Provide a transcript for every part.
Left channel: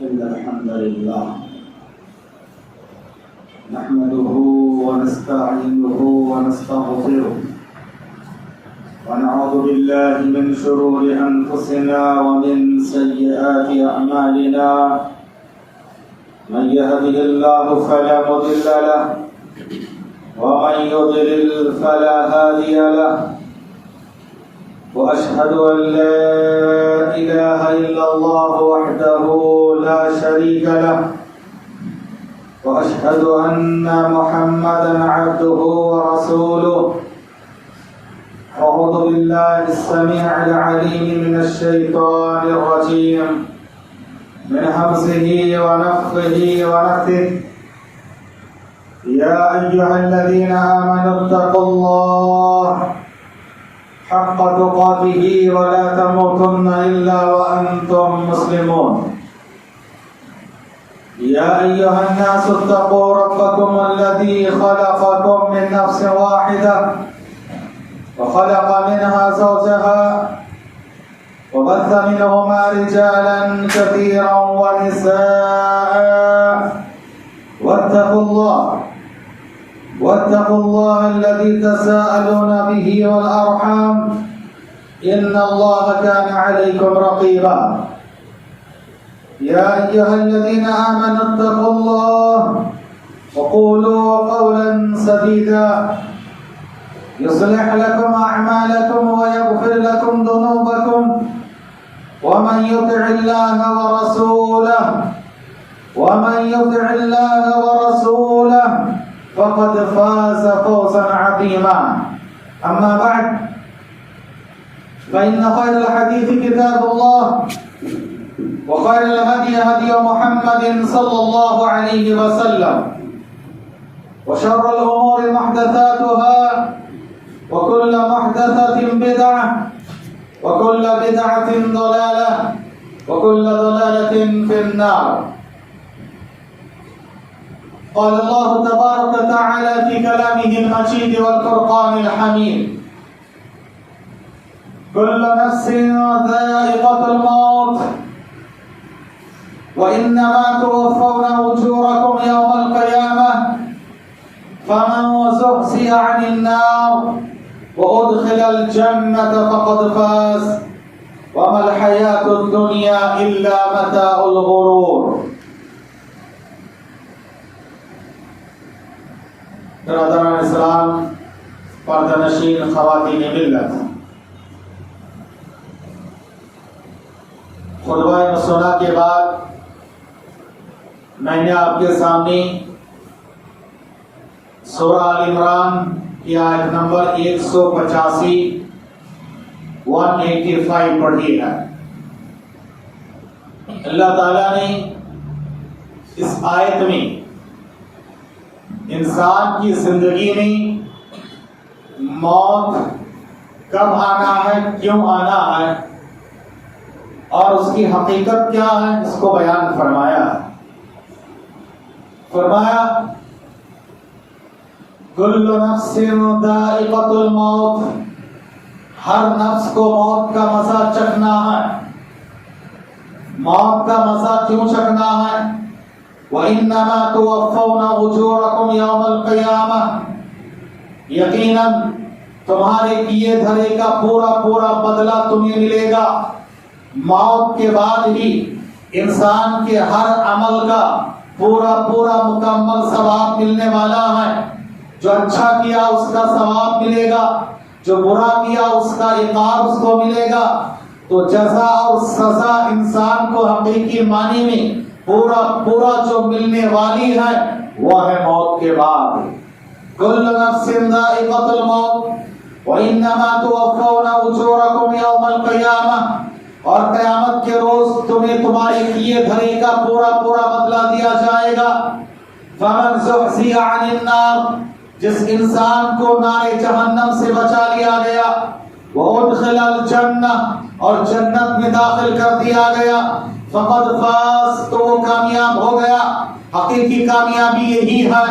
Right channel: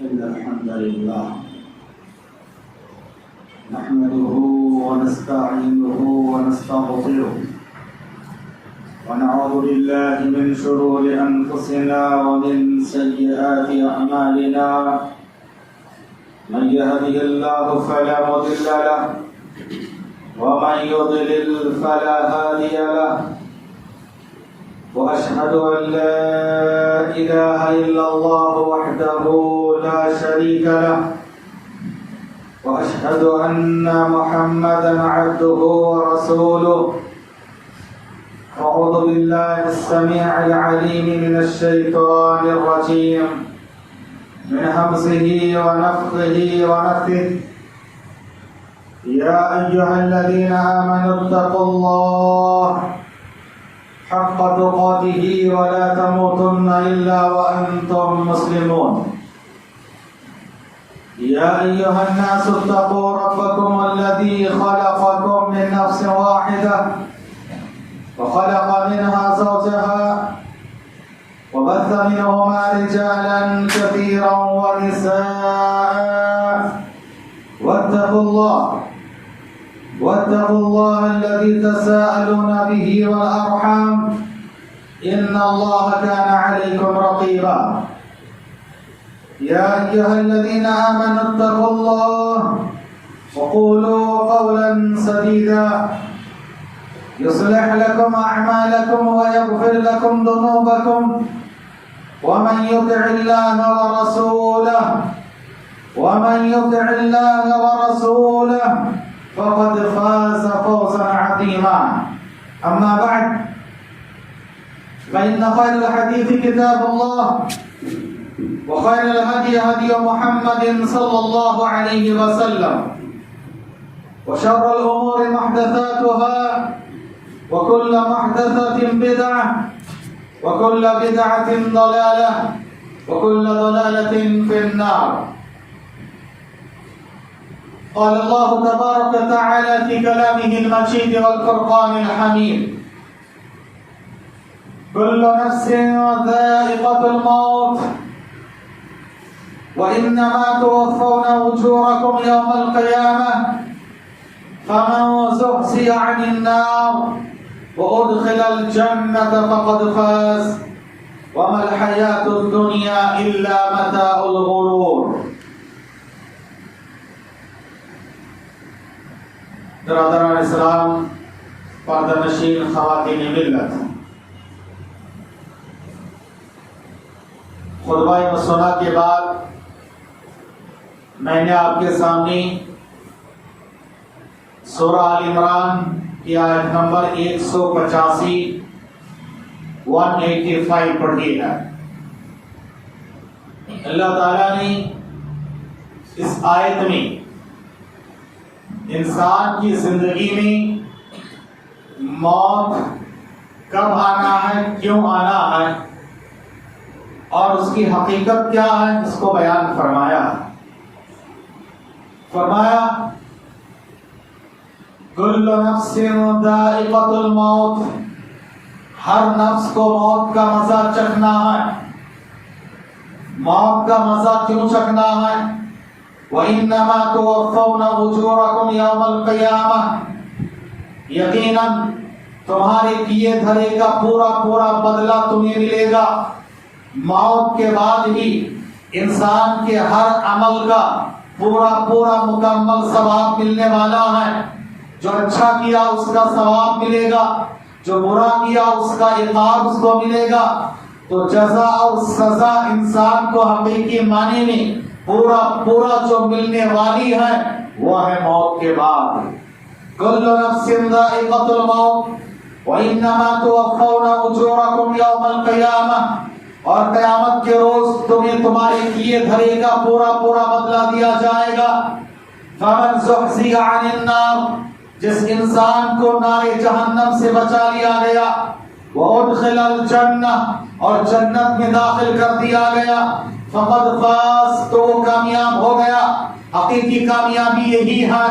إن الحمد لله نحمده ونستعينه ونستغفره ونعوذ بالله من شرور أنفسنا ومن سيئات أعمالنا من يهده الله فلا مضل له ومن يضلل فلا هادي له وأشهد أن لا إله إلا الله وحده لا شريك له وأشهد أن محمدا عبده ورسوله أعوذ بالله السميع العليم من الشيطان الرجيم من همزه ونفخه ونفثه يا أيها الذين آمنوا اتقوا الله حق تقاته ولا تموتن إلا وأنتم مسلمون يا أيها الناس اتقوا ربكم الذي خلقكم من نفس واحدة وخلق منها زوجها وبث منهما رجالا كثيرا ونساء واتقوا الله الذي تساءلون به والأرحام إن الله كان عليكم رقيبا يا أيها الذين آمنوا اتقوا الله وقولوا قولا سديدا يصلح لكم أعمالكم ويغفر لكم ذنوبكم ومن يطع الله ورسوله فقد فاز فوزا عظيما أما بعد فإن خير الحديث كتاب الله وخير الهدي هدي محمد صلى الله عليه وسلم وشر الأمور محدثاتها وكل محدثة بدعة وكل بدعة ضلالة وكل ضلالة في النار. قال الله تبارك وتعالى في كلامه المجيد والفرقان الحميد كل نفس ذائقة الموت وإنما توفون أجوركم يوم القيامة فمن زحزح عن النار وأدخل الجنة فقد فاز وما الحياة الدنيا إلا متاع الغرور. برادران اسلام، پردہ نشین خواتین ملت، خطبہ مسنہ کے بعد میں نے آپ کے سامنے سورہ آل عمران کی آیت نمبر 185 پڑھی ہے. اللہ تعالیٰ نے اس آیت میں انسان کی زندگی میں موت کب آنا ہے، کیوں آنا ہے اور اس کی حقیقت کیا ہے اس کو بیان فرمایا. کل نفس ذائقۃ الموت، ہر نفس کو موت کا مزہ چکھنا ہے. موت کا مزہ کیوں چکھنا ہے؟ وَإِنَّمَا تُوَفَّوْنَ أُجُورَكُمْ يَوْمَ الْقِيَامَةِ، یقیناً تمہارے کیے دھرے کا پورا بدلہ تمہیں ملے گا. موت کے بعد ہی انسان کے ہر عمل کا پورا مکمل ثواب ملنے والا ہے. جو اچھا کیا اس کا ثواب ملے گا، جو برا کیا اس کا عقاب اس کو ملے گا. تو جزا اور سزا انسان کو حقیقی معنی میں پورا جو ملنے والی ہے وہ ہے موت کے بعد. کل نفس ذائقۃ الموت وانما توفون اجورکم یوم القیامہ، اور قیامت کے روز تمہیں تمہارے کیے دھرے کا پورا بدلہ دیا جائے گا. فمن زحزح عن النار، جس انسان کو نار جہنم سے بچا لیا گیا، وادخل الجنہ، اور جنت میں داخل کر دیا گیا، فقد فاز، تو وہ کامیاب ہو گیا. حقیقی کامیابی یہی ہے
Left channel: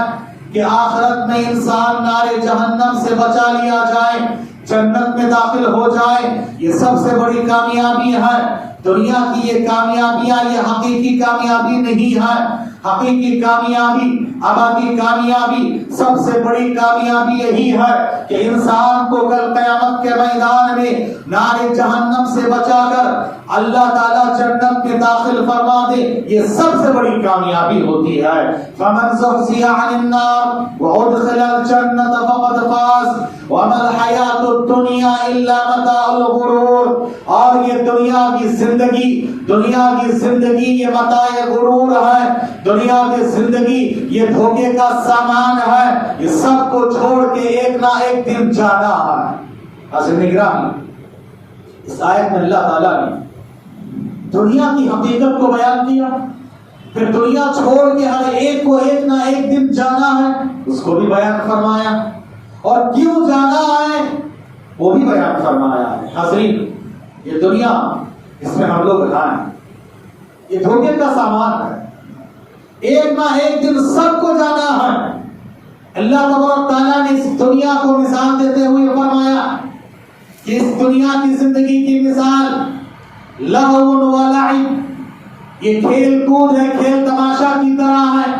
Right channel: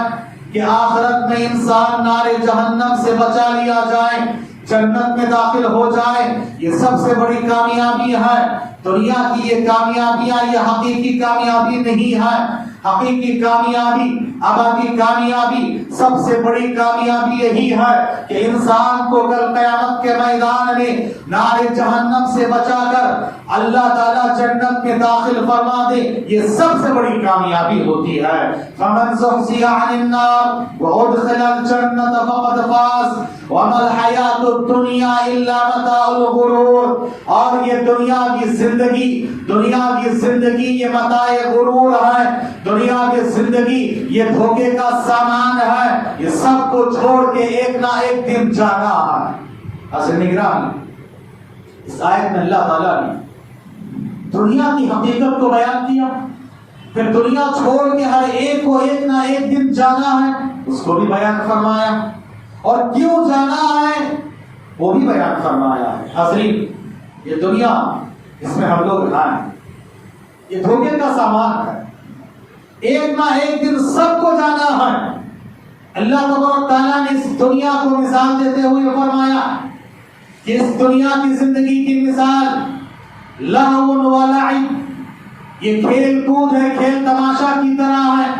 کہ آخرت میں انسان نار جہنم سے بچا لیا جائے، جنت میں داخل ہو جائے. یہ سب سے بڑی کامیابی ہے. دنیا کی یہ کامیابیاں یہ حقیقی کامیابی نہیں ہے. حقیقی کامیابی ابدی کامیابی سب سے بڑی کامیابی یہی ہے کہ انسان کو کل قیامت کے میدان میں نار جہنم سے بچا کر اللہ تعالیٰ جنت میں داخل فرما دے. یہ سب سے بڑی کامیابی ہوتی ہے. فمن زحزح عن النار وادخل الجنة فقد فاز وما الحیات الدنیا الا متاع الغرور. اور یہ دنیا کی زندگی یہ متاع غرور ہے. دنیا کی زندگی یہ دھوکے کا سامان ہے. یہ سب کو چھوڑ کے ایک نہ ایک دن جانا ہے. حضرت نگرامی اس آیت میں اللہ تعالیٰ نے دنیا کی حقیقت کو بیان کیا, پھر دنیا چھوڑ کے ہر ایک کو ایک نہ ایک دن جانا ہے اس کو بھی بیان فرمایا, اور کیوں جانا ہے وہ بھی بیان فرمایا ہے. حضرین یہ دنیا اس میں ہم لوگ ہیں, یہ دھوکے کا سامان ہے. ایک نہ ایک دن سب کو جانا ہے. اللہ تبارک تعالیٰ نے اس دنیا کو مثال دیتے ہوئے فرمایا کہ اس دنیا کی زندگی کی مثال لہو و لعب, یہ کھیل کود ہے, کھیل تماشا کی طرح ہے.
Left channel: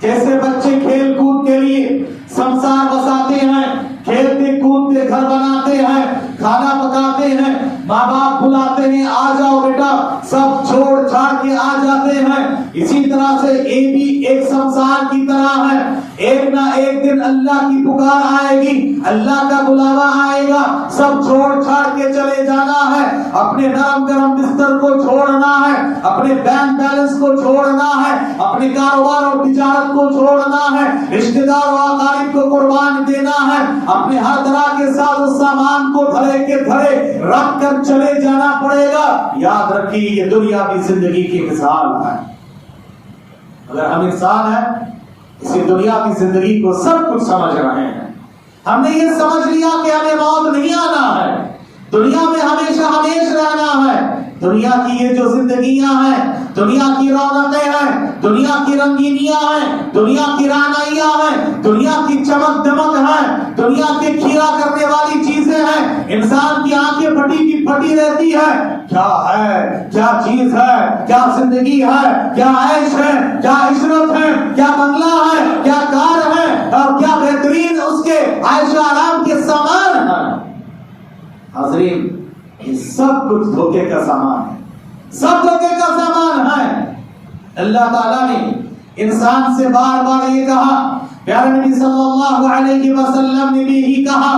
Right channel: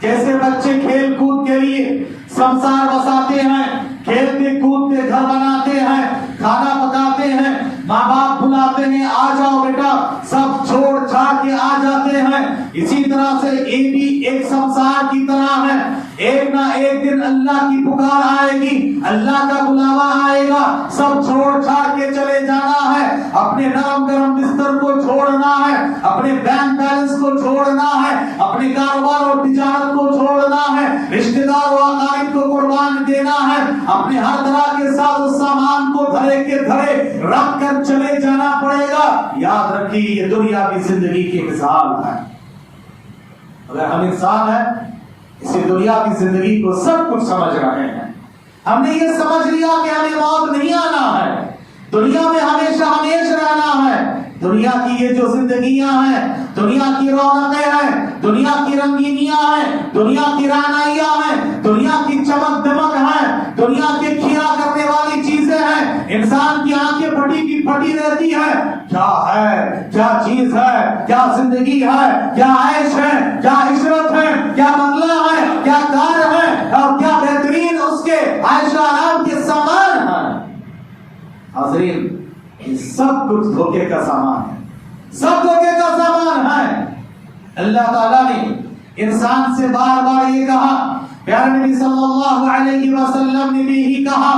جیسے بچے کھیل کود کے لیے سمسار بساتے ہیں, کھیلتے کودتے گھر بناتے ہیں, کھانا پکاتے ہیں, ماں باپ بلاتے ہیں آ جاؤ بیٹا, سب چھوڑ چھاڑ کے آ جاتے ہیں. اسی طرح سے یہ بھی ایک سمسار کی طرح ہے. ایک نہ ایک دن اللہ کی پکار آئے گی, اللہ کا بلاوا آئے گا, سب چھوڑ چھاڑ کے چلے جانا ہے. اپنے نرم گرم بستر کو چھوڑنا ہے, اپنے بینک بیلنس کو چھوڑنا ہے, اپنے کاروبار اور تجارت کو چھوڑنا ہے, رشتہ دار و اقارب کو قربان دینا ہے, اپنے ہر طرح کے ساز و سامان کو دھرے کے دھرے رکھ کر چلے جانا پڑے گا. یاد رکھیے یہ دنیا کی زندگی کی مثال ہے. اگر ہم انسان ہیں اسی دنیا کی زندگی کو سب کچھ سمجھ رہے ہیں. ہم نے یہ سمجھ لیا کہ ہمیں موت نہیں آنا ہے, دنیا میں ہمیشہ ہمیش رہنا ہے. دنیا کی یہ جو زندگیاں ہیں, دنیا کی رونقیں ہیں, دنیا کی رنگینیاں ہیں, دنیا کی رعنائیاں ہیں, دنیا کی چمک دمک ہے, دنیا کے کھیرا کرنے والی چیزیں ہیں. انسان کی آنکھیں پھٹی کی پھٹی رہتی ہے. کیا ہے, کیا چیز ہے, کیا زندگی ہے, کیا عیش ہے, کیا عشرت ہے, کیا بنگلہ ہے, کیا کار ہے, اور کیا بہترین اس کے عیش آرام کے سامان ہیں. حضرین یہ سب کچھ دھوکے کا سامان ہے, سب دھوکے کا سامان ہے. اللہ تعالیٰ نے انسان سے بار بار یہ کہا, پیارے نبی صلی اللہ علیہ وسلم نے بھی یہی کہا,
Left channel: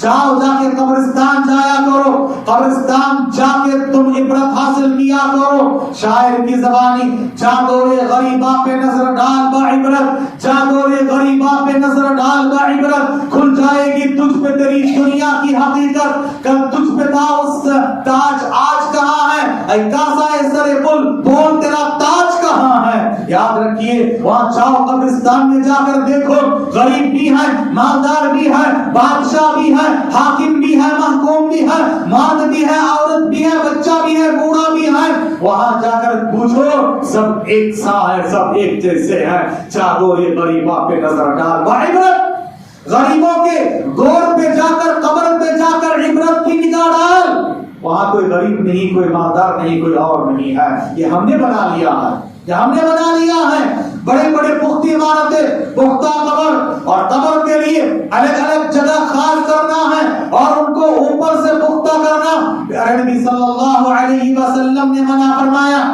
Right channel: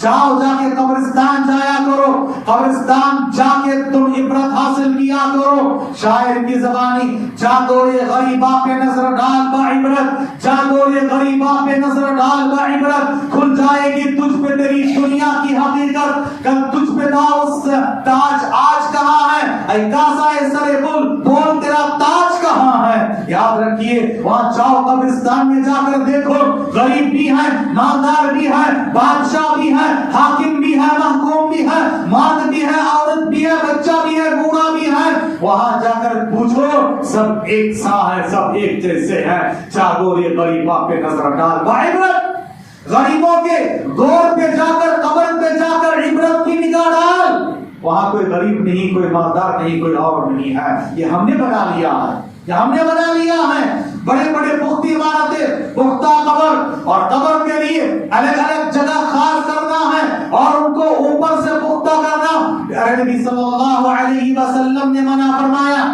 جاؤ جا کے قبرستان جایا کرو, قبرستان جا کے تم عبرت حاصل کیا کرو. شاعر کی زبانی, چاندورے غریبا پہ نظر ڈال با عبرت, چاندورے غریبا پہ نظر ڈال با عبرت, کھل جائے گی تجھ پہ تیری دنیا کی حقیقت. کل تجھ پہ تھا اس تاج, آج کہاں ہے؟ اے کاسا سر بول, بول تیرا تاج کہاں ہے؟ یاد رکھیے وہاں جاؤ, قبرستان میں جا کر دیکھو, غریب بھی ہے, مالدار بھی ہے, بادشاہ بھی ہے, حاکم بھی ہے, محکوم بھی ہے, مرد بھی ہے, عورت بھی ہے, بچہ بھی ہے, بوڑھا بھی ہے. وہاں جا کر پوچھو, سب ایک سا ہے, سب ایک جیسے ہیں. چاگورے غریبا پہ نظر ڈال با عبرت, غریبوں کے گور پہ جا کر, قبر پہ جا کر عبرت کی نگاہ ڈال. وہاں کوئی غریب نہیں, کوئی مالدار نہیں, کوئی اور نہیں ہے. یہ ہم نے بنا لیا ہے, یہ ہم نے بنا لیا ہے. بڑے بڑے پختی عمارتیں, پختہ قبر, اور قبر کے لیے الگ الگ جگہ خاص کرنا ہے اور ان کو اوپر سے پختہ کرنا. پیارے نبی صلی اللہ علیہ وسلم نے منع فرمایا.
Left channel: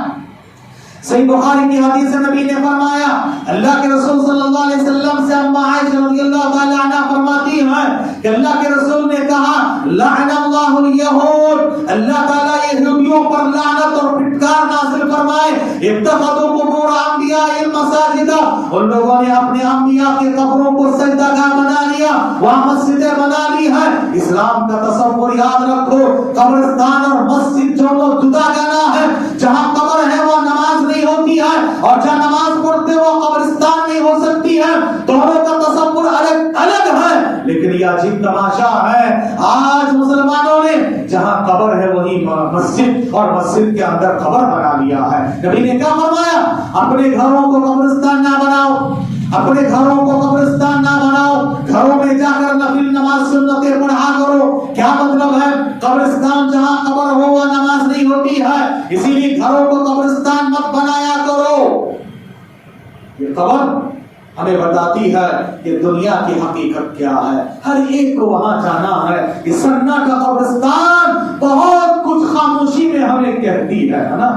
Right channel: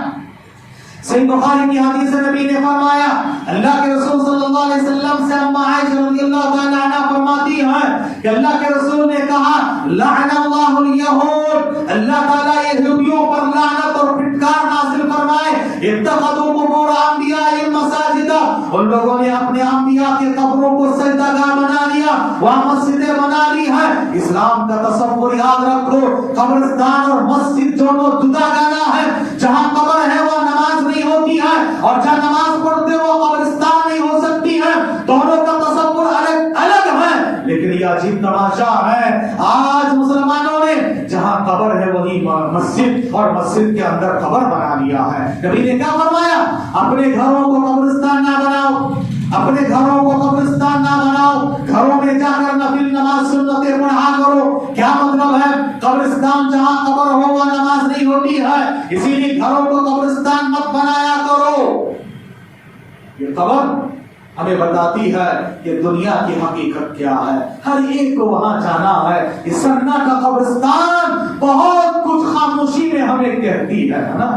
صحیح بخاری کی حدیث نبی نے فرمایا, اللہ کے رسول صلی اللہ علیہ وسلم سے اما عائشہ رضی اللہ تعالی عنہا فرماتی ہیں کہ اللہ کے رسول نے کہا, لعن اللہ الیہود, اللہ تعالیٰ یہودیوں پر لعنت اور پھٹکار نازل فرمائے. اتخذوا قبور انبیاء مساجد, ان لوگوں نے اپنے انبیاء کے قبروں کو سجدہ گاہ بنا لیا, وہاں مسجدیں بنا لی ہیں. اسلام کا تصور یاد رکھو, قبرستان اور مسجد دونوں جدا گانا ہے. جہاں قبر ہے وہ نماز نہیں ہوتی ہے, اور جہاں نماز پڑھتے وہ قبرستان نہیں ہو سکتی ہے. دونوں کا تصور الگ الگ ہے. لیکن یہ عجیب تماشا ہے, آج مسلمانوں نے جہاں قبر ہے وہی مسجد, اور مسجد کے اندر قبر بنا لیا ہے. نبی نے کیا فرمایا, اپنے گھروں کو قبرستان نہ بناؤ, اپنے گھروں کو قبرستان نہ بناؤ, گھروں میں جا کر نفل نماز سنتیں پڑھا کرو. کیا مطلب ہے, قبرستان جہاں قبر ہو وہ نماز نہیں ہوتی ہے، اسی لیے گھروں کو قبرستان مت بنایا کرو۔ یہ قبر ہمیں بتاتی ہے کہ دنیا کی حقیقت کیا ہے، ہر ایک کو وہاں جانا ہے۔ یہ سناٹا قبرستان بہت کچھ خاموشی میں ہمیں کہتی ہے نا،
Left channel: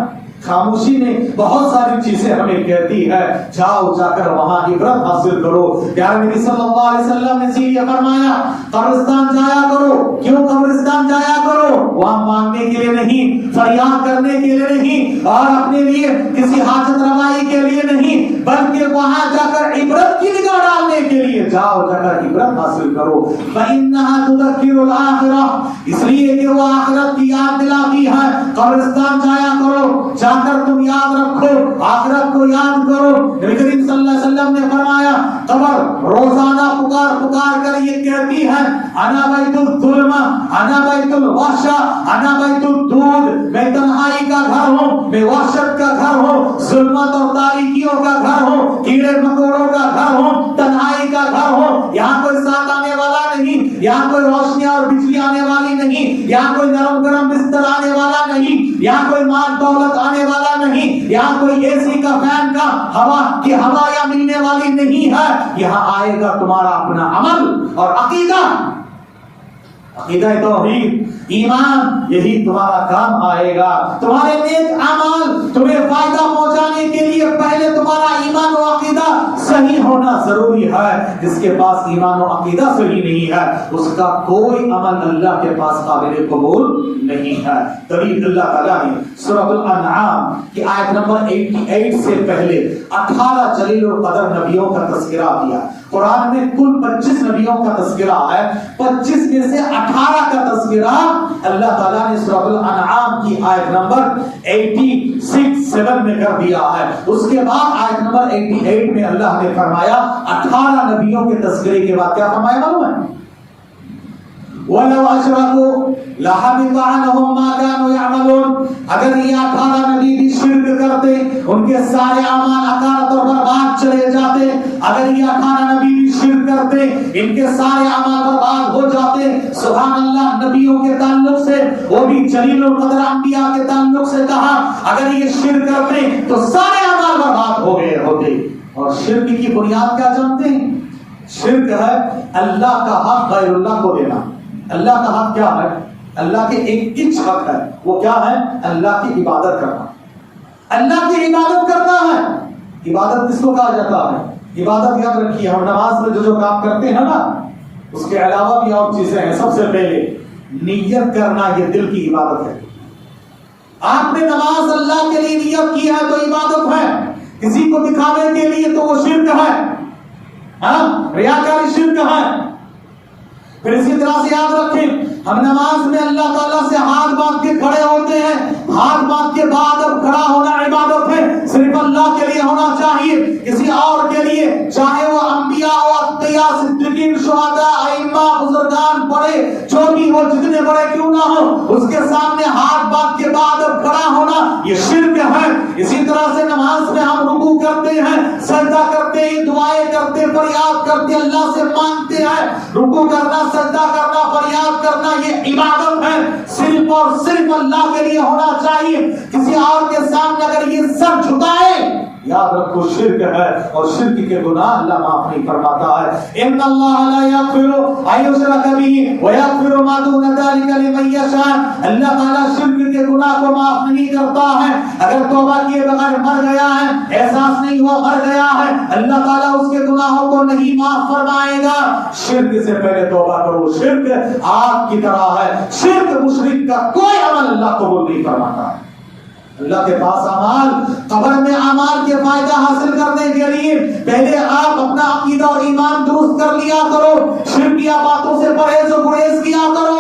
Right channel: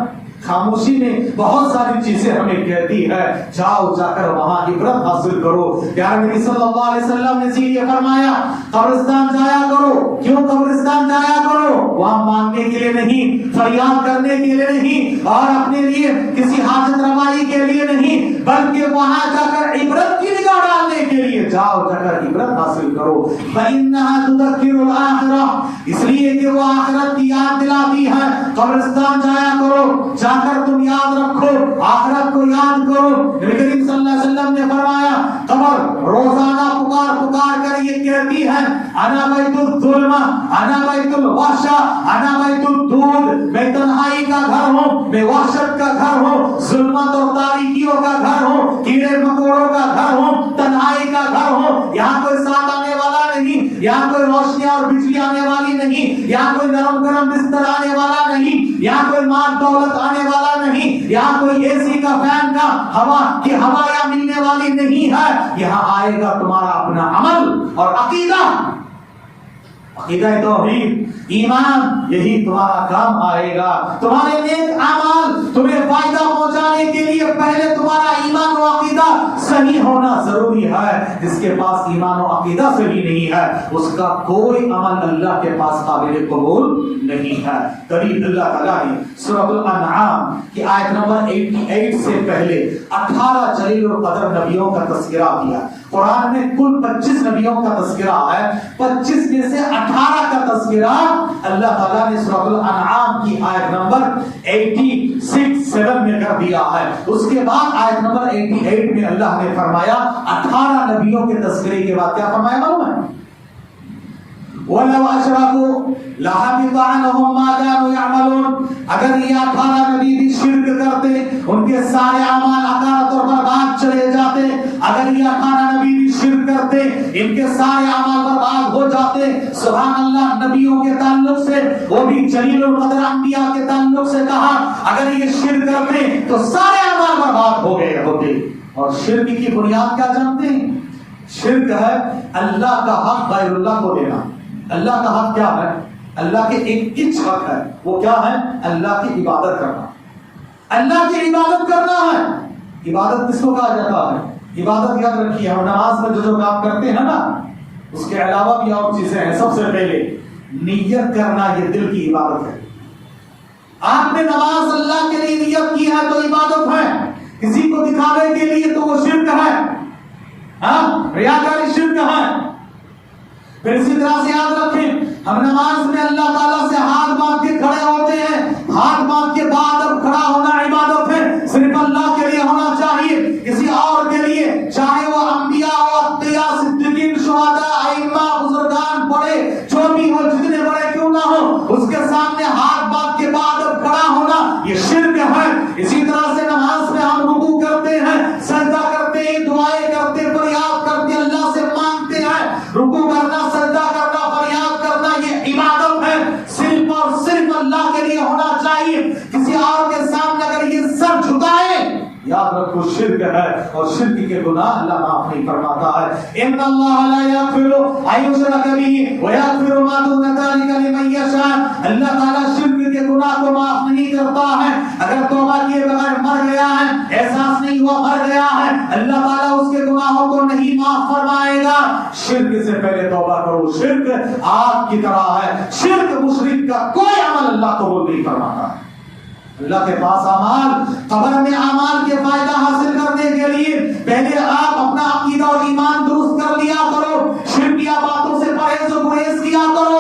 خاموشی میں بہت ساری چیزیں ہمیں کہتی ہے۔ جاؤ، جا کر وہاں عبرت حاصل کرو۔ پیارے نبی صلی اللہ علیہ وسلم نے یہ فرمایا قبرستان جایا کرو۔ کیوں قبرستان جایا کرو؟ وہاں مانگنے کے لیے نہیں، فریاد کرنے کے لیے نہیں، اور اپنے لیے کسی حاجت روائی کے لیے نہیں، بلکہ وہاں جا کر عبرت کی نگاہ ڈالنے کے لیے جاؤ، جا کر عبرت حاصل کرو۔ فإنها تذكر الآخرة، اس لیے کہ وہ آخرت کی یاد دلاتی ہے۔ قبرستان جایا کرو، جا کر تم یاد رکھو، آخرت کو یاد کرو۔ نبی کریم صلی اللہ علیہ وسلم نے فرمایا قبر روزانہ پکار پکار کر یہ کہتی ہے انا بیت الظلم، انا بیت الوحشہ، انا بیت الدود، میں تنہائی کا گھر ہوں، میں وحشت کا گھر ہوں، ظلمت اور تاریکیوں کا گھر ہوں، کیڑے مکوڑوں کا گھر ہوں، تنہائی کا گھر ہوں۔ یہاں کوئی ساتھ آنے والا نہیں، یہاں کوئی روشنی اور بجلی آنے والی نہیں، یہاں کوئی نرم گرم بستر آنے والا نہیں، یہاں کوئی مال دولت آنے والا نہیں، یہاں کوئی اے سی کا فین کا ہوا کی ہوائیاں ملنے والی نہیں ہے۔ یہاں آئے گا تمہارا اپنا عمل اور عقیدہ، عقیدہ توحید، ایمان، یہی تمہارا کام آئے گا۔ تمہارے نیک اعمال تمہیں فائدہ پہنچانے کے لیے پہلے تمہارا ایمان و عقیدہ صحیح ہونا ضروری ہے۔ جس کے پاس ایمان و عقیدہ صحیح نہیں ہے، اس کا کوئی عمل اللہ کے پاس قابل قبول نہیں ہے۔ تبھی اللہ تعالیٰ نے سورۃ الانعام کی آیت نمبر 88 سے پہلے 18 جلیل القدر نبیوں کا تذکرہ کیا۔ قرآن میں کل 25 نبیوں کا تذکرہ ہے، 25 میں سے 18 کا تذکرہ اللہ تعالیٰ نے سورۃ الانعام کی آیت نمبر 86 میں کر دیا ہے۔ اس کے بعد آیت نمبر 88 میں اللہ نے فرمایا 18 نبیوں کے تذکرے کے بعد کیا فرمایا معلوم ہے؟ وَلَوْ أَشْرَكُوا لَحَبِطَ عَنْهُمْ مَا كَانُوا يَعْمَلُونَ، اگر یہ 18 نبی بھی شرک کرتے ان کے سارے اعمال اکارت اور برباد چلے جاتے۔ اگر یہ 18 نبی بھی شرک کرتے ان کے سارے اعمال برباد ہو جاتے۔ سبحان اللہ، نبیوں کے تعلق سے، وہ بھی جلیل القدر انبیاء کے تعلق سے کہا اگر یہ شرک کرتے تو سارے اعمال برباد ہو گئے ہوتے۔ اور شرک کی بنیاد کیا جانتے ہیں؟ شرک ہے اللہ کا حق غیر اللہ کو دینا۔ اللہ کا حق کیا ہے؟ اللہ کے ایک حق ہے، وہ کیا ہے؟ اللہ کی عبادت کرنا۔ اللہ کی عبادت کرنا ہے۔ عبادت کس کو کہا جاتا ہے؟ عبادت یاد رکھیے، ہم نماز میں جو کام کرتے ہیں نا، اس کے علاوہ بھی اور چیزیں ہیں۔ سب سے پہلے نیت کرنا، یہ دل کی عبادت ہے۔ آپ نے نماز اللہ کے لیے نیت کی ہے تو عبادت ہے، کسی کو دکھانے کے لیے تو وہ شرک ہے، ریاکاری شرک ہے۔ پھر اسی طرح سے یاد رکھیں، ہم نماز میں اللہ تعالیٰ سے ہاتھ باندھ کے کھڑے ہوتے ہیں، ہاتھ باندھ کے بعد اب کھڑا ہونا عبادت ہے، صرف اللہ کے لیے ہونا چاہیے، کسی اور کے لیے، چاہے وہ انبیاء ہو، اتقیاء، صدیقین، شہداء، ائمہ، بزرگان، بڑے جو بھی ہو، جتنے بڑے کیوں نہ ہو، اس کے سامنے ہاتھ باندھ کے بعد اب کھڑا ہونا یہ شرک ہے۔ اسی طرح سے نماز میں ہم رکوع کرتے ہیں، سجدہ کرتے ہیں، دعائیں کرتے، فریاد کرتے، اللہ سے مانگتے ہیں۔ رکوع کرنا، سجدہ کرنا، فریاد کرنا یہ عبادت ہے، صرف اور صرف اللہ کے لیے ہونا چاہیے۔ کسی اور کے سامنے اگر یہ سر جھکائے، یاد رکھو شرک ہے، اور شرک کے گناہ اللہ معاف نہیں فرماتا ہے۔ ان اللہ لا یغفر ان یشرک بہ ویغفر ما دون ذلک لمن یشاء، اللہ تعالیٰ شرک کے گناہ کو معاف نہیں کرتا ہے۔ اگر توبہ کیے بغیر مر گیا ہے، احساس نہیں ہوا مر گیا ہے، اللہ تعالیٰ اس کے گناہوں کو نہیں معاف فرمائے گا۔ شرک سے پہلے توبہ کرو، شرک آگ کی طرح ہے، شرک مشرک کا کوئی عمل اللہ قبول نہیں فرماتا۔ اللہ کے پاس اعمال، قبر میں اعمال کے فائدہ حاصل کرنے کے لیے پہلے آپ اپنا عقیدہ اور ایمان درست کر لیا کرو، شرکیہ باتوں سے پرہیز و گریز کیا کرو۔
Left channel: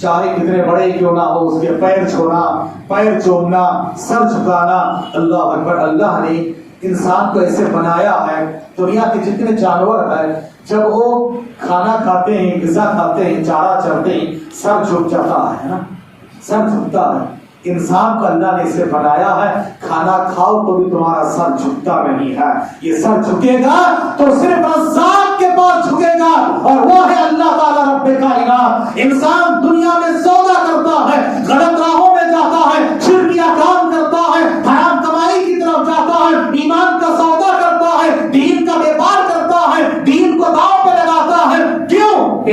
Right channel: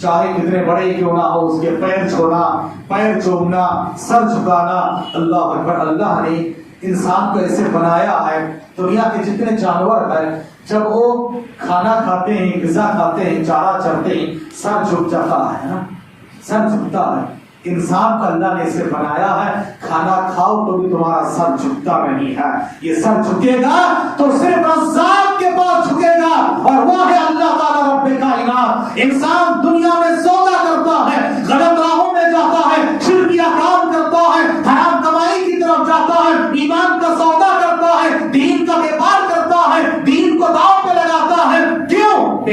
چاہے کتنے بڑے کیوں نہ ہو، اس کے پیر چھونا، پیر چومنا، سر جھکانا، اللہ اکبر۔ اللہ نے انسان کو ایسے بنایا ہے، دنیا کے جتنے جانور ہیں جب وہ کھانا کھاتے ہیں، غذا کھاتے ہیں، چارہ چرتے ہیں، سر جھک جاتا ہے نا، سر جھکتا ہے۔ انسان کو اللہ نے اسے بنایا ہے، کھانا کھاؤ تو بھی تمہارا سر جھکتا نہیں ہے۔ یہ سر جھکے گا تو صرف رزاق کے پاس جھکے گا، اور وہ ہے اللہ تعالیٰ رب کائنات۔ انسان دنیا میں سودا کرتا ہے،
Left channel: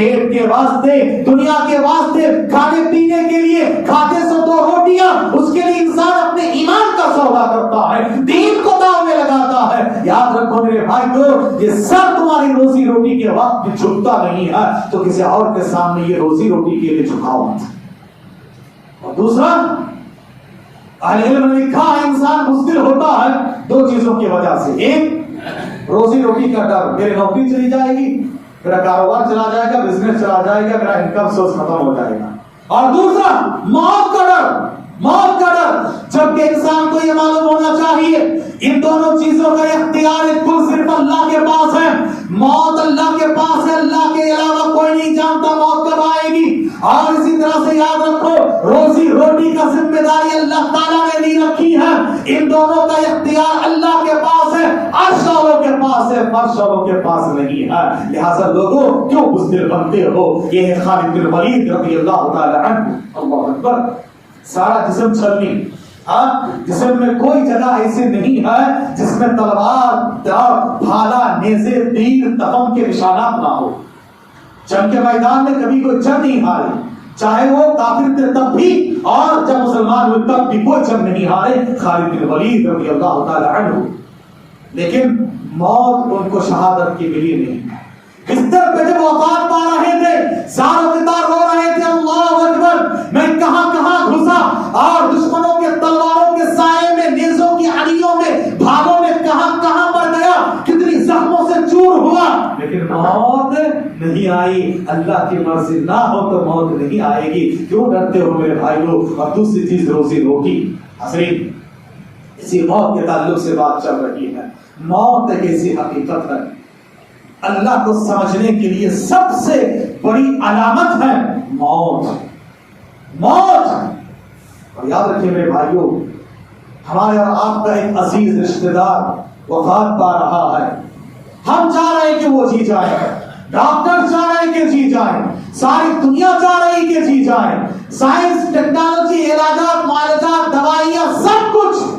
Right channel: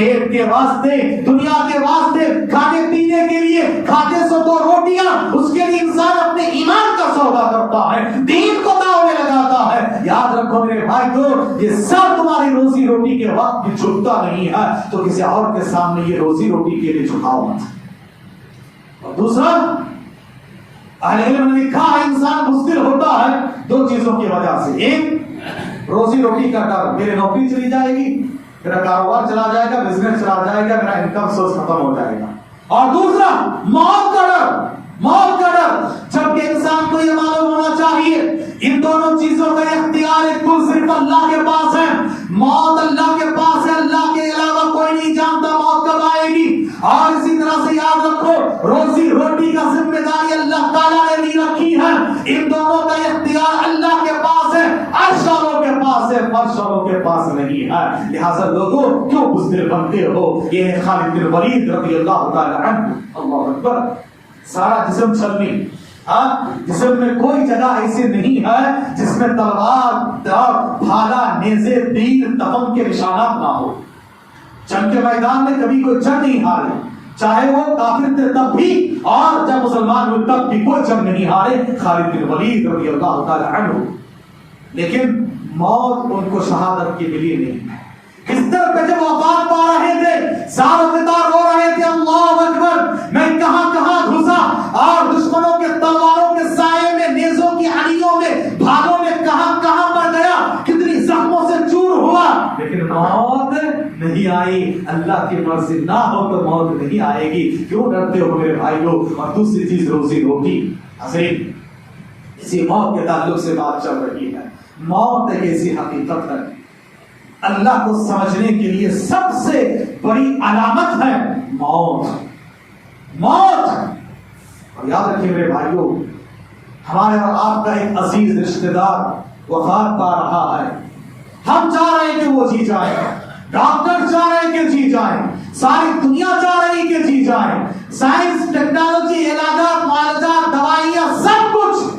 پیٹ کے واسطے, دنیا کے واسطے, کھانے پینے کے لیے کھاتے سو 2 روٹیاں, اس کے لیے انسان اپنے ایمان کا سودا کرتا ہے, دین کو داؤ میں لگاتا ہے. یاد رکھو میرے بھائیو, یہ سر تمہاری روزی روٹی کے وقت بھی جھکتا نہیں ہے تو کسی اور کے سامنے یہ روزی روٹی کے لیے جھکاؤ مت. اور دوسرا, اہل علم نے لکھا ہے انسان بزدل ہوتا ہے 2 چیزوں کی وجہ سے. ایک, روزی روٹی کا ڈر, میری نوکری چلی جائے گی, میرا کاروبار چلا جائے گا, بزنس چلا جائے گا, میرا انکم سورس ختم ہو جائے گا. اور دوسرا, موت کا ڈر, موت کا ڈر. جبکہ انسان کو یہ معلوم ہونا چاہیے ان دونوں چیزوں کا اختیار کل صرف اللہ کے پاس ہے. موت اللہ کے پاس ہے, اللہ کے علاوہ کوئی نہیں جانتا موت کب آئے گی. اور اسی طرح سے یاد رکھو, روزی روٹی کا ذمہ داری اللہ تعالیٰ نے نہیں رکھی ہے. ان دونوں کا اختیار اللہ کے پاس ہے, عرش والوں کے پاس ہے, فرش والوں کے پاس نہیں ہے. لہذا لوگوں کیوں بزدل بنتے ہو؟ یہ ہے خالد بن ولید رضی اللہ تعالیٰ عنہ. اللہ اکبر. سارا جسم چھلنی, جسم میں کوئی جگہ ایسی نہیں ہے جس میں تلوار, بھالا, نیزے, تیر, تبم کے نشانات نہ ہو. جنگ کے میدان میں کبھی کوئی جنگ نہیں ہارے, چاہے وہ کافر تھے تب بھی, اور جب مسلمان ہوئے تب بھی کوئی جنگ نہیں ہارے خالد بن ولید رضی اللہ تعالی عنہ. لیکن موت ان کو شہادت کی ملی نہیں. بستر پہ جب وفات پا رہے تھے, زار و فطار رو رہے تھے, اللہ اکبر, میں کہاں کہاں گھسا, اور دشمنوں کے تلواروں کے سائے میں, نیزوں کی اڑیوں میں, بھالوں میں کہاں کہاں پر گیا, کتنی زخموں سے چور ہوا, لیکن موت نہیں آئی. اللہ کی مرضی نہ ہو تو موت نہیں آئے گی. کیوں ڈرتے ہو میرے بھائیوں؟ اور دوسری چیز روزی روٹی. حضرت, اسی موت کے تعلق سے بات چل رہی ہے. موت ایک ایسی حقیقت ہے, اللہ کو سمجھنے کے لیے سب سے بڑی علامت ہے موت. موت. اور یاد رکھیے میرے بھائیوں, ہمارے اور آپ کا ایک عزیز رشتہ دار وفات پا رہا ہے. ہم چاہ رہے ہیں کہ وہ جی جائے, ڈاکٹر چاہ رہے ہیں کہ جی جائیں, ساری دنیا چاہ رہی کہ جی جائیں, سائنس, ٹیکنالوجی, علاجات, معالجات, دوائیاں, سب کچھ.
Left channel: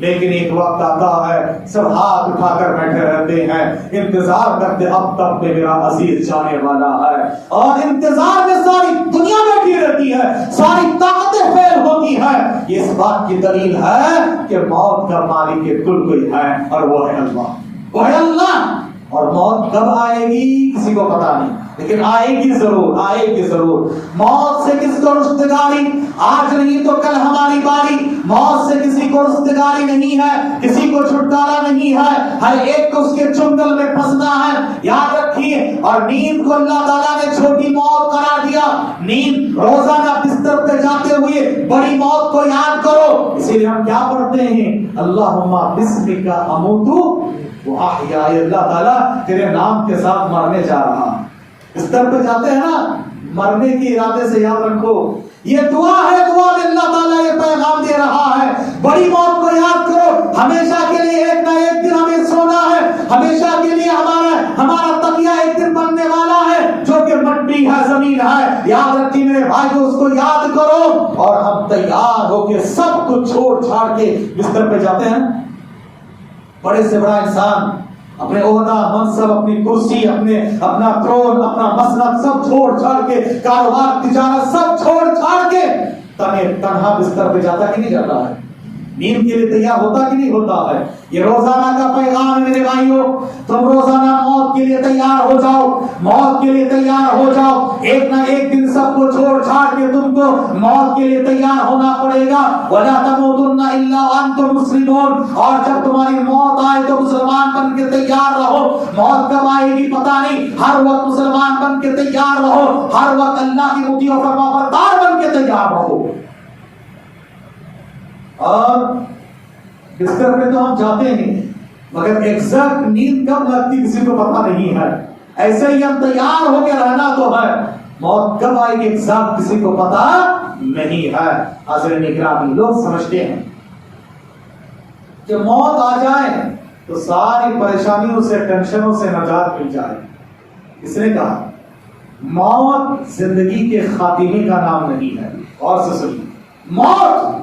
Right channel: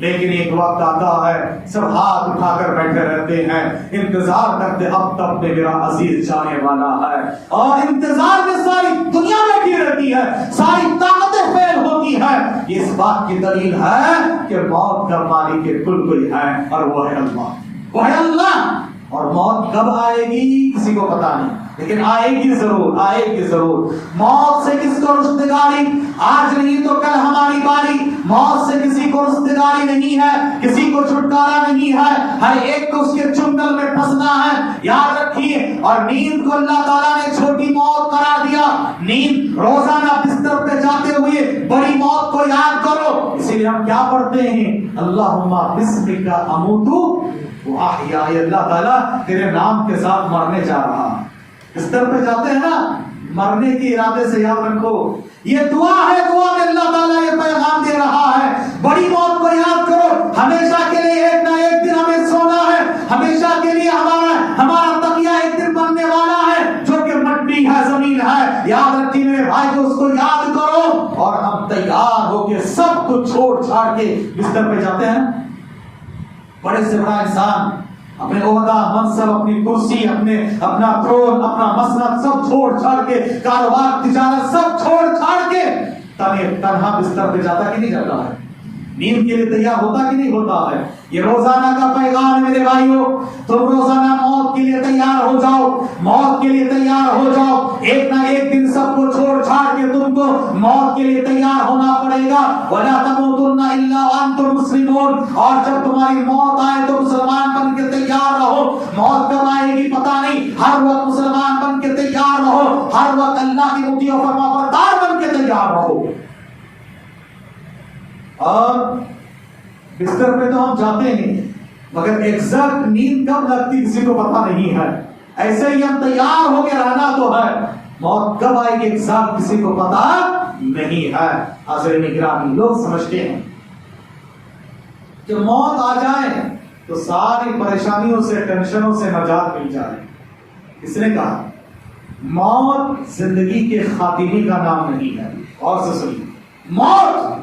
لیکن ایک وقت آتا ہے سب ہاتھ اٹھا کر بیٹھے رہتے ہیں, انتظار کرتے اب تک میرا عزیز جانے والا ہے. اور انتظار میں ساری دنیا بیٹھی رہتی ہے, ساری طاقتیں فیل ہوتی ہیں. یہ اس بات کی دلیل ہے کہ موت کا مالک کل کوئی ہے, اور وہ ہے اللہ, وہ ہے اللہ. اور موت کب آئے گی کسی کو پتا نہیں, لیکن آئے گی ضرور, آئے گی ضرور. موت سے کس کو رشتگاری, آج نہیں تو کل ہماری باری. موت سے کسی کو رشتگاری نہیں ہے, کسی کو چھٹکارا نہیں ہے, ہر ایک کو اس کے چنگل میں پھنسنا ہے. یاد رکھیے. اور نیند کو اللہ تعالیٰ نے چھوٹی موت قرار دیا. نیند روزانہ بستر پہ جاتے ہوئے بڑی موت کو یاد کرو. اسی لیے ہم کیا پڑھتے ہیں, اللہم بسمک اموت واحیا, اللہ تعالیٰ تیرے نام کے ساتھ مرنے جا رہا. بستر پہ جاتے ہیں نا, مرنے کے ارادے سے یاد رکھو یہ دعا ہے. دعا میں اللہ تعالیٰ یہ پیغام دے رہا ہے, بڑی موت کو یاد کرو. ہمیشہ کے لیے ایک نہ ایک دن ہمیں سونا ہے, ہمیشہ کے لیے ہمارا تکیہ ایک دن بننے والا ہے جو کہ مٹی ہے, زمین ہے. یاد رکھیے میرے بھائی, اس کو یاد کرو. اور ہم تیار ہو کے سب کچھ چھوڑ چھاڑ کے بستر پہ جاتے ہیں. بڑے سے بڑا انسان اپنے عہدہ, منصب, اپنی کرسی, اپنا تھرون, اپنا مسند سب چھوڑ چھاڑ کے, کاروبار, تجارت سب چھوڑ چھاڑ کے تنہا بستر پہ جاتا کہ نہیں جاتا ہے؟ نیند کے لیے تیار ہوتا کہ نہیں ہوتا ہے؟ یہ روزانہ کا پیغام ہے میرے بھائیوں. تم روزانہ موت کے لیے تیار ہو جاؤ, موت کے لیے تیار ہو جاؤ. ایک نہ ایک دن سب کو چھوڑ چھاڑ کے تم کو موت کے لیے تیار ہونا پڑے گا. وَلَا تَمُوتُنَّ إِلَّا وَأَنْتُمْ مُسْلِمُونَ. اور جب تمہاری موت آئے تو مسلمان بن کے تیار رہو. موت کب آئے گی پتا نہیں, ہر وقت مسلمان بن کے تیار رہو, ہر وقت اللہ کی مطیع و فرمانبردار بن کے تیار رہو. اور بستر پہ تو ہم جاتے ہیں, مگر ایگزیکٹ نیند کب لگتی کسی کو پتا نہیں ہے. ایسے ہی ہم تیار ہو کے رہنا تو ہے, موت کب آئے گی ایگزیکٹ کسی کو پتا نہیں ہے. حاضرین اکرام, لوگ سمجھتے ہیں کہ موت آ جائے تو ساری پریشانیوں سے, ٹینشنوں سے نجات مل جائے. کس نے کہا؟ موت زندگی کے خاتمے کا نام نہیں ہے. اور سے سنیے, موت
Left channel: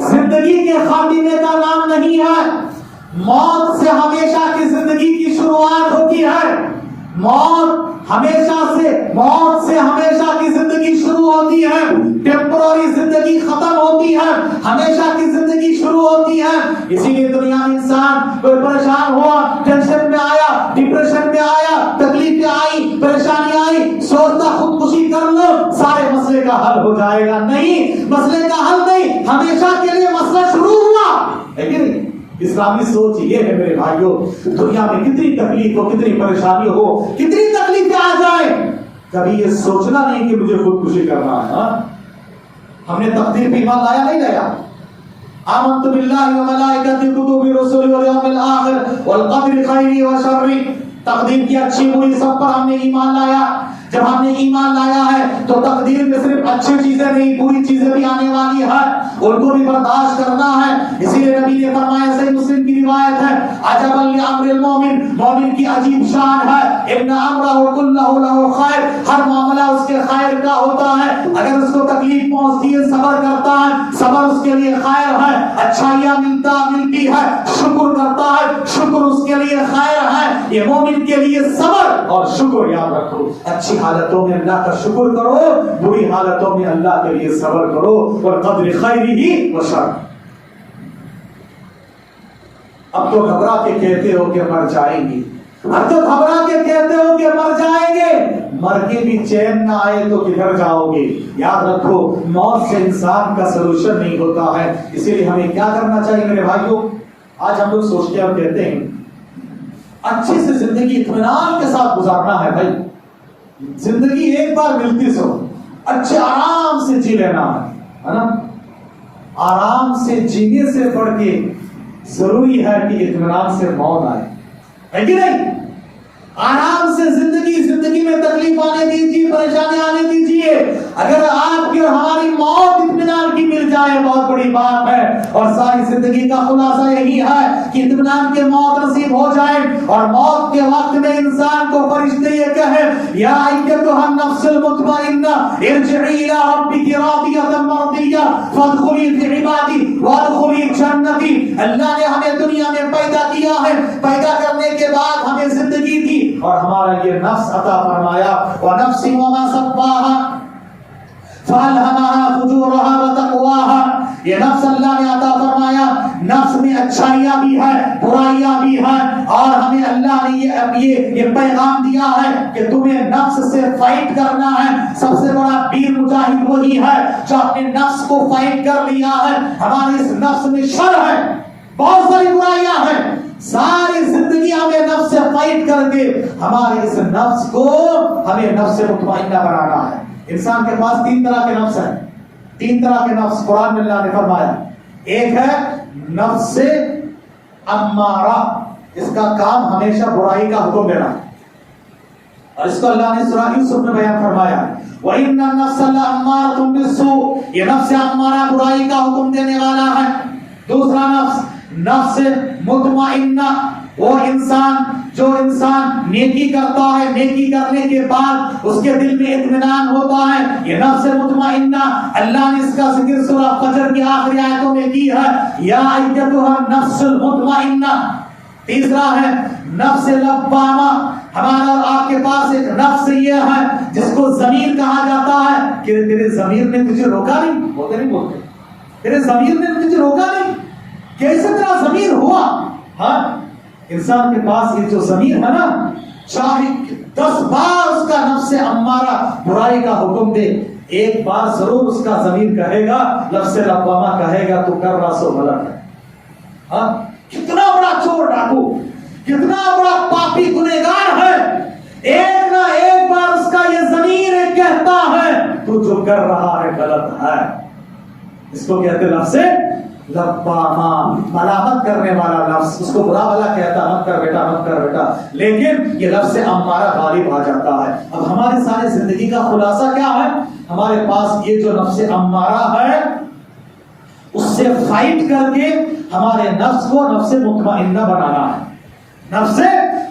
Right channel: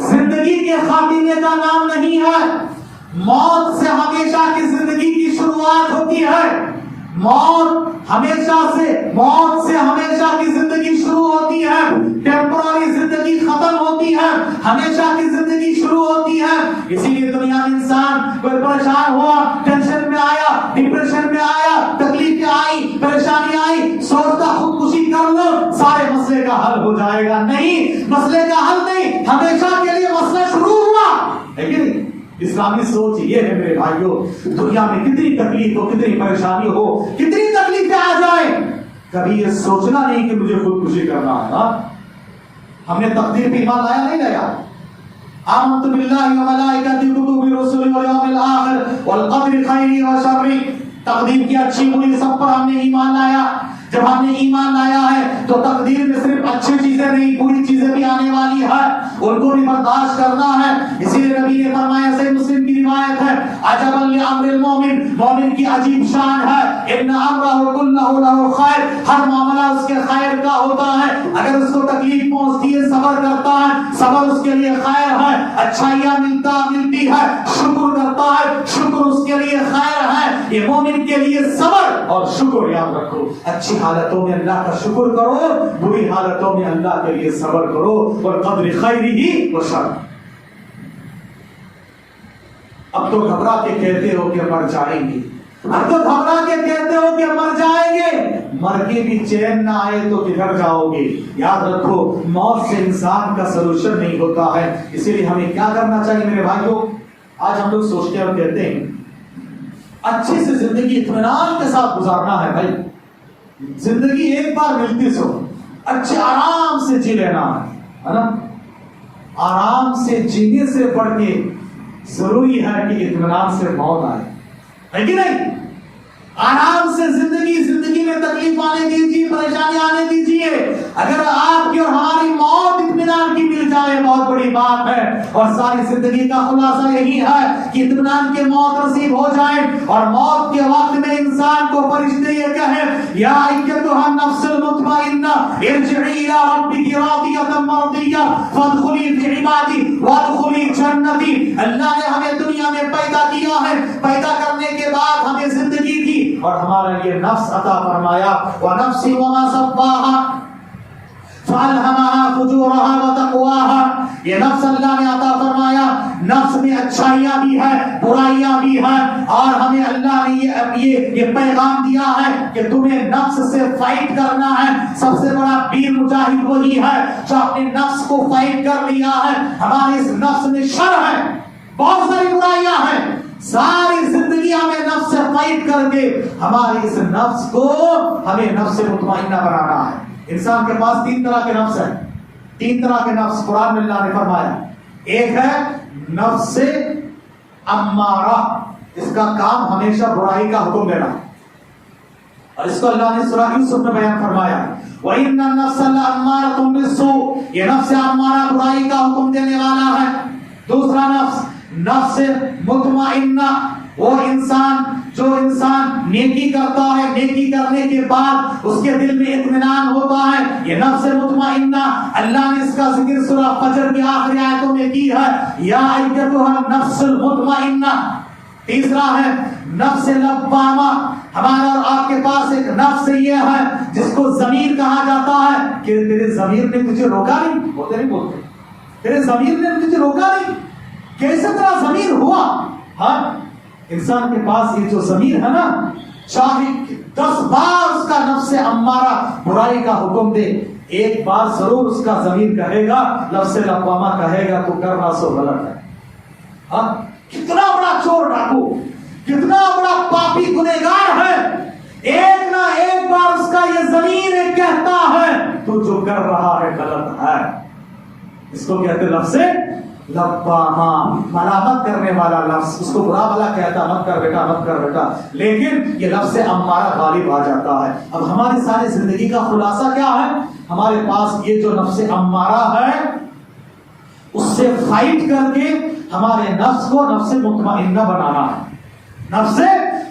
زندگی کے خاتمے کا نام نہیں ہے. موت سے ہمیشہ کی زندگی کی شروعات ہوتی ہے. موت ہمیشہ سے موت سے ہمیشہ کی زندگی شروع ہوتی ہے، ٹیمپرری زندگی ختم ہوتی ہے، ہمیشہ کی زندگی شروع ہوتی ہے. اسی لیے دنیا میں انسان کوئی پریشان ہوا، ٹینشن میں آیا، ڈپریشن میں آیا، تکلیفیں آئی، پریشانی آئی، سوچتا خودکشی کر لو سارے مسئلے کا حل ہو جائے گا. نہیں، مسئلے کا حل نہیں، ہمیشہ کے لیے مسئلہ شروع ہوا ہے کہ نہیں؟ اسلامی سوچ یہ ہے میرے بھائیوں، دنیا میں کتنی تکلیف ہو، کتنی پریشانی ہو، کتنی تکلیفیں آ جائیں، کبھی یہ سوچنا نہیں کہ مجھے خودکشی کرنا ہے. ہم نے تقدیر پہ ایمان لایا نہیں لایا؟ آمنت باللہ وملائکتہ کتبہ رسلہ والیوم الآخر والقدر خیرہ وشرہ. تقدیر کی اچھی بری سب پر ہم نے ایمان لایا. جب ہم نے ایمان لایا ہے تو تقدیر میں صرف اچھی چیزیں نہیں، بری چیزیں بھی آنے والی ہے، ان کو بھی برداشت کرنا ہے. اسی لیے نبی نے فرمایا، صحیح مسلم کی روایت ہے، عجبا لامر المومن، مومن کی عجیب شان ہے، ان امرہ کلہ لہ خیر، ہر معاملہ اس کے خیر کا ہوتا ہے. اگر اس کو تکلیف پہنچتی ہے صبر کرتا ہے، صبر اس کے لیے خیر ہے. اچھائیاں ملتی ہے، شکر کرتا ہے، شکر اس کے لیے خیر ہے. یہ مومن کے لیے صبر اور شکر یاد رکھو. اچھی حالتوں میں اللہ کا شکر کرو، بری حالتوں میں اللہ کے لیے صبر کرو. اور قدر خیرہ وشرہ. اب تو گھبرا کے کہتے ہو کہ مر جائیں گے، اب تو گھبرا کے کہتے ہو کہ مر جائیں گے، مر کے بھی چین نہ آئے تو کدھر جاؤ گے؟ یاد رکھو، موت سے انسان کا سلوشن نہیں ہوتا ہے. اسی لیے ہمیں کیا کرنا چاہیے میرے بھائیوں؟ آج ہم لوگ سوچتے اور کہتے ہیں اچھی سے زندگی اطمینان کے ساتھ گزارنا ہے. بھائی زندگی ایک بار ملتی سو، اچھے آرام سے جی لینا ہے نا. آرام سے جینے سے بڑھ کے ضروری ہے کہ اطمینان سے موت آئے، ہے کہ نہیں؟ آرام سے زندگی میں تکلیف آنے دیجیے، پریشانی آنے دیجیے. اگر آپ کی اور ہماری موت اطمینان کی مل جائے بہت بڑی بات ہے. اور ساری زندگی کا خلاصہ یہی ہے کہ اطمینان کے موت نصیب ہو جائے، اور موت کے وقت میں انسان کو فرشتے یہ کہیں، یا ایتھا النفس المطمئنہ ارجعی الی ربک راضیۃ مرضیہ فادخلی فی عبادی وادخلی جنتی. اللہ نے ہمیں دنیا میں پیدا کیا ہے، پیدا کرنے کے بعد ہمیں زندگی دی اور ہمارا یہ نفس عطا فرمایا. وَنَفْسٍ وَمَا سَوَّاهَا فَأَلْهَمَهَا فُجُورَهَا وَتَقْوَاهَا. یہ نفس اللہ نے عطا فرمایا، نفس میں اچھائیاں بھی ہیں، برائیاں بھی ہیں، اور ہمیں اللہ نے یہ پیغام دیا ہے کہ تمہیں نفس سے فائٹ کرنا ہے. سب سے بڑا ویر مجاہد وہی ہے جو اپنے نفس کو فائٹ کر لیا ہے. ہمارے اس نفس میں شر ہے، بہت ساری برائیاں ہیں. ساری زندگی ہمیں نفس سے فائٹ کر کے ہمارے اس نفس کو ہمیں نفس مطمئنہ بنانا ہے. انسان کے پاس تین طرح کے نفس ہیں، تین طرح کے نفس قرآن میں اللہ نے فرمایا. ایک ہے نفس امارہ، اس کا کام ہمیشہ برائی کا حکم دینا، اور اس کو اللہ نے سورہ یوسف میں بیان فرمایا، وَإِنَّ النَّفْسَ لَأَمَّارَةٌ بِالسُّوءِ. یہ نفس امارہ برائی کا حکم دینے والا ہے. دوسرا نفس مطمئنہ، وہ انسان جو انسان نیکی کرتا ہے، نیکی کرنے کے بعد اس کے دل میں اطمینان ہوتا ہے، یہ نفس مطمئنہ. اللہ نے اس کا ذکر سورہ فجر کی آخری آیتوں میں کی ہے، یا ایتھا النفس المطمئنہ. تیسرا ہے نفس لوامہ. ہمارا اور آپ کے پاس ایک نفس یہ ہے جس کو ضمیر کہا جاتا ہے کہ تیرے ضمیر نے تجھے روکا نہیں، ہوتے نہیں بولتے، تیرے ضمیر نے تجھے روکا نہیں. کیسے تیرا ضمیر ہوا؟ ہاں، انسان کے پاس یہ جو ضمیر ہے نا، چاہے 10 بار اس کا نفس امارہ برائی کا حکم دے، ایک بار ضرور اس کا ضمیر کہے گا، نفس لوامہ کہے گا تو کر رہا سو غلط ہے. ہاں، کتنا بڑا چور ڈاکو، کتنا بڑا پاپی گنہگار ہے، ایک نہ ایک بار اس کا یہ ضمیر کہتا ہے تو جو کر رہا ہے غلط ہے. اس کو کہتے نفس لوامہ، ملامت کرنے والا نفس. اس کو برا بھلا کہتا، مت کر بیٹا، مت کر بیٹا، لیکن یہ نفس امارہ غالب آ جاتا ہے. اب ہماری ساری زندگی کا خلاصہ کیا ہے؟ ہمارے پاس یہ جو نفس امارہ ہے اس سے فائٹ کر کے ہمارے نفس کو نفس مطمئنہ بنانا ہے. نفس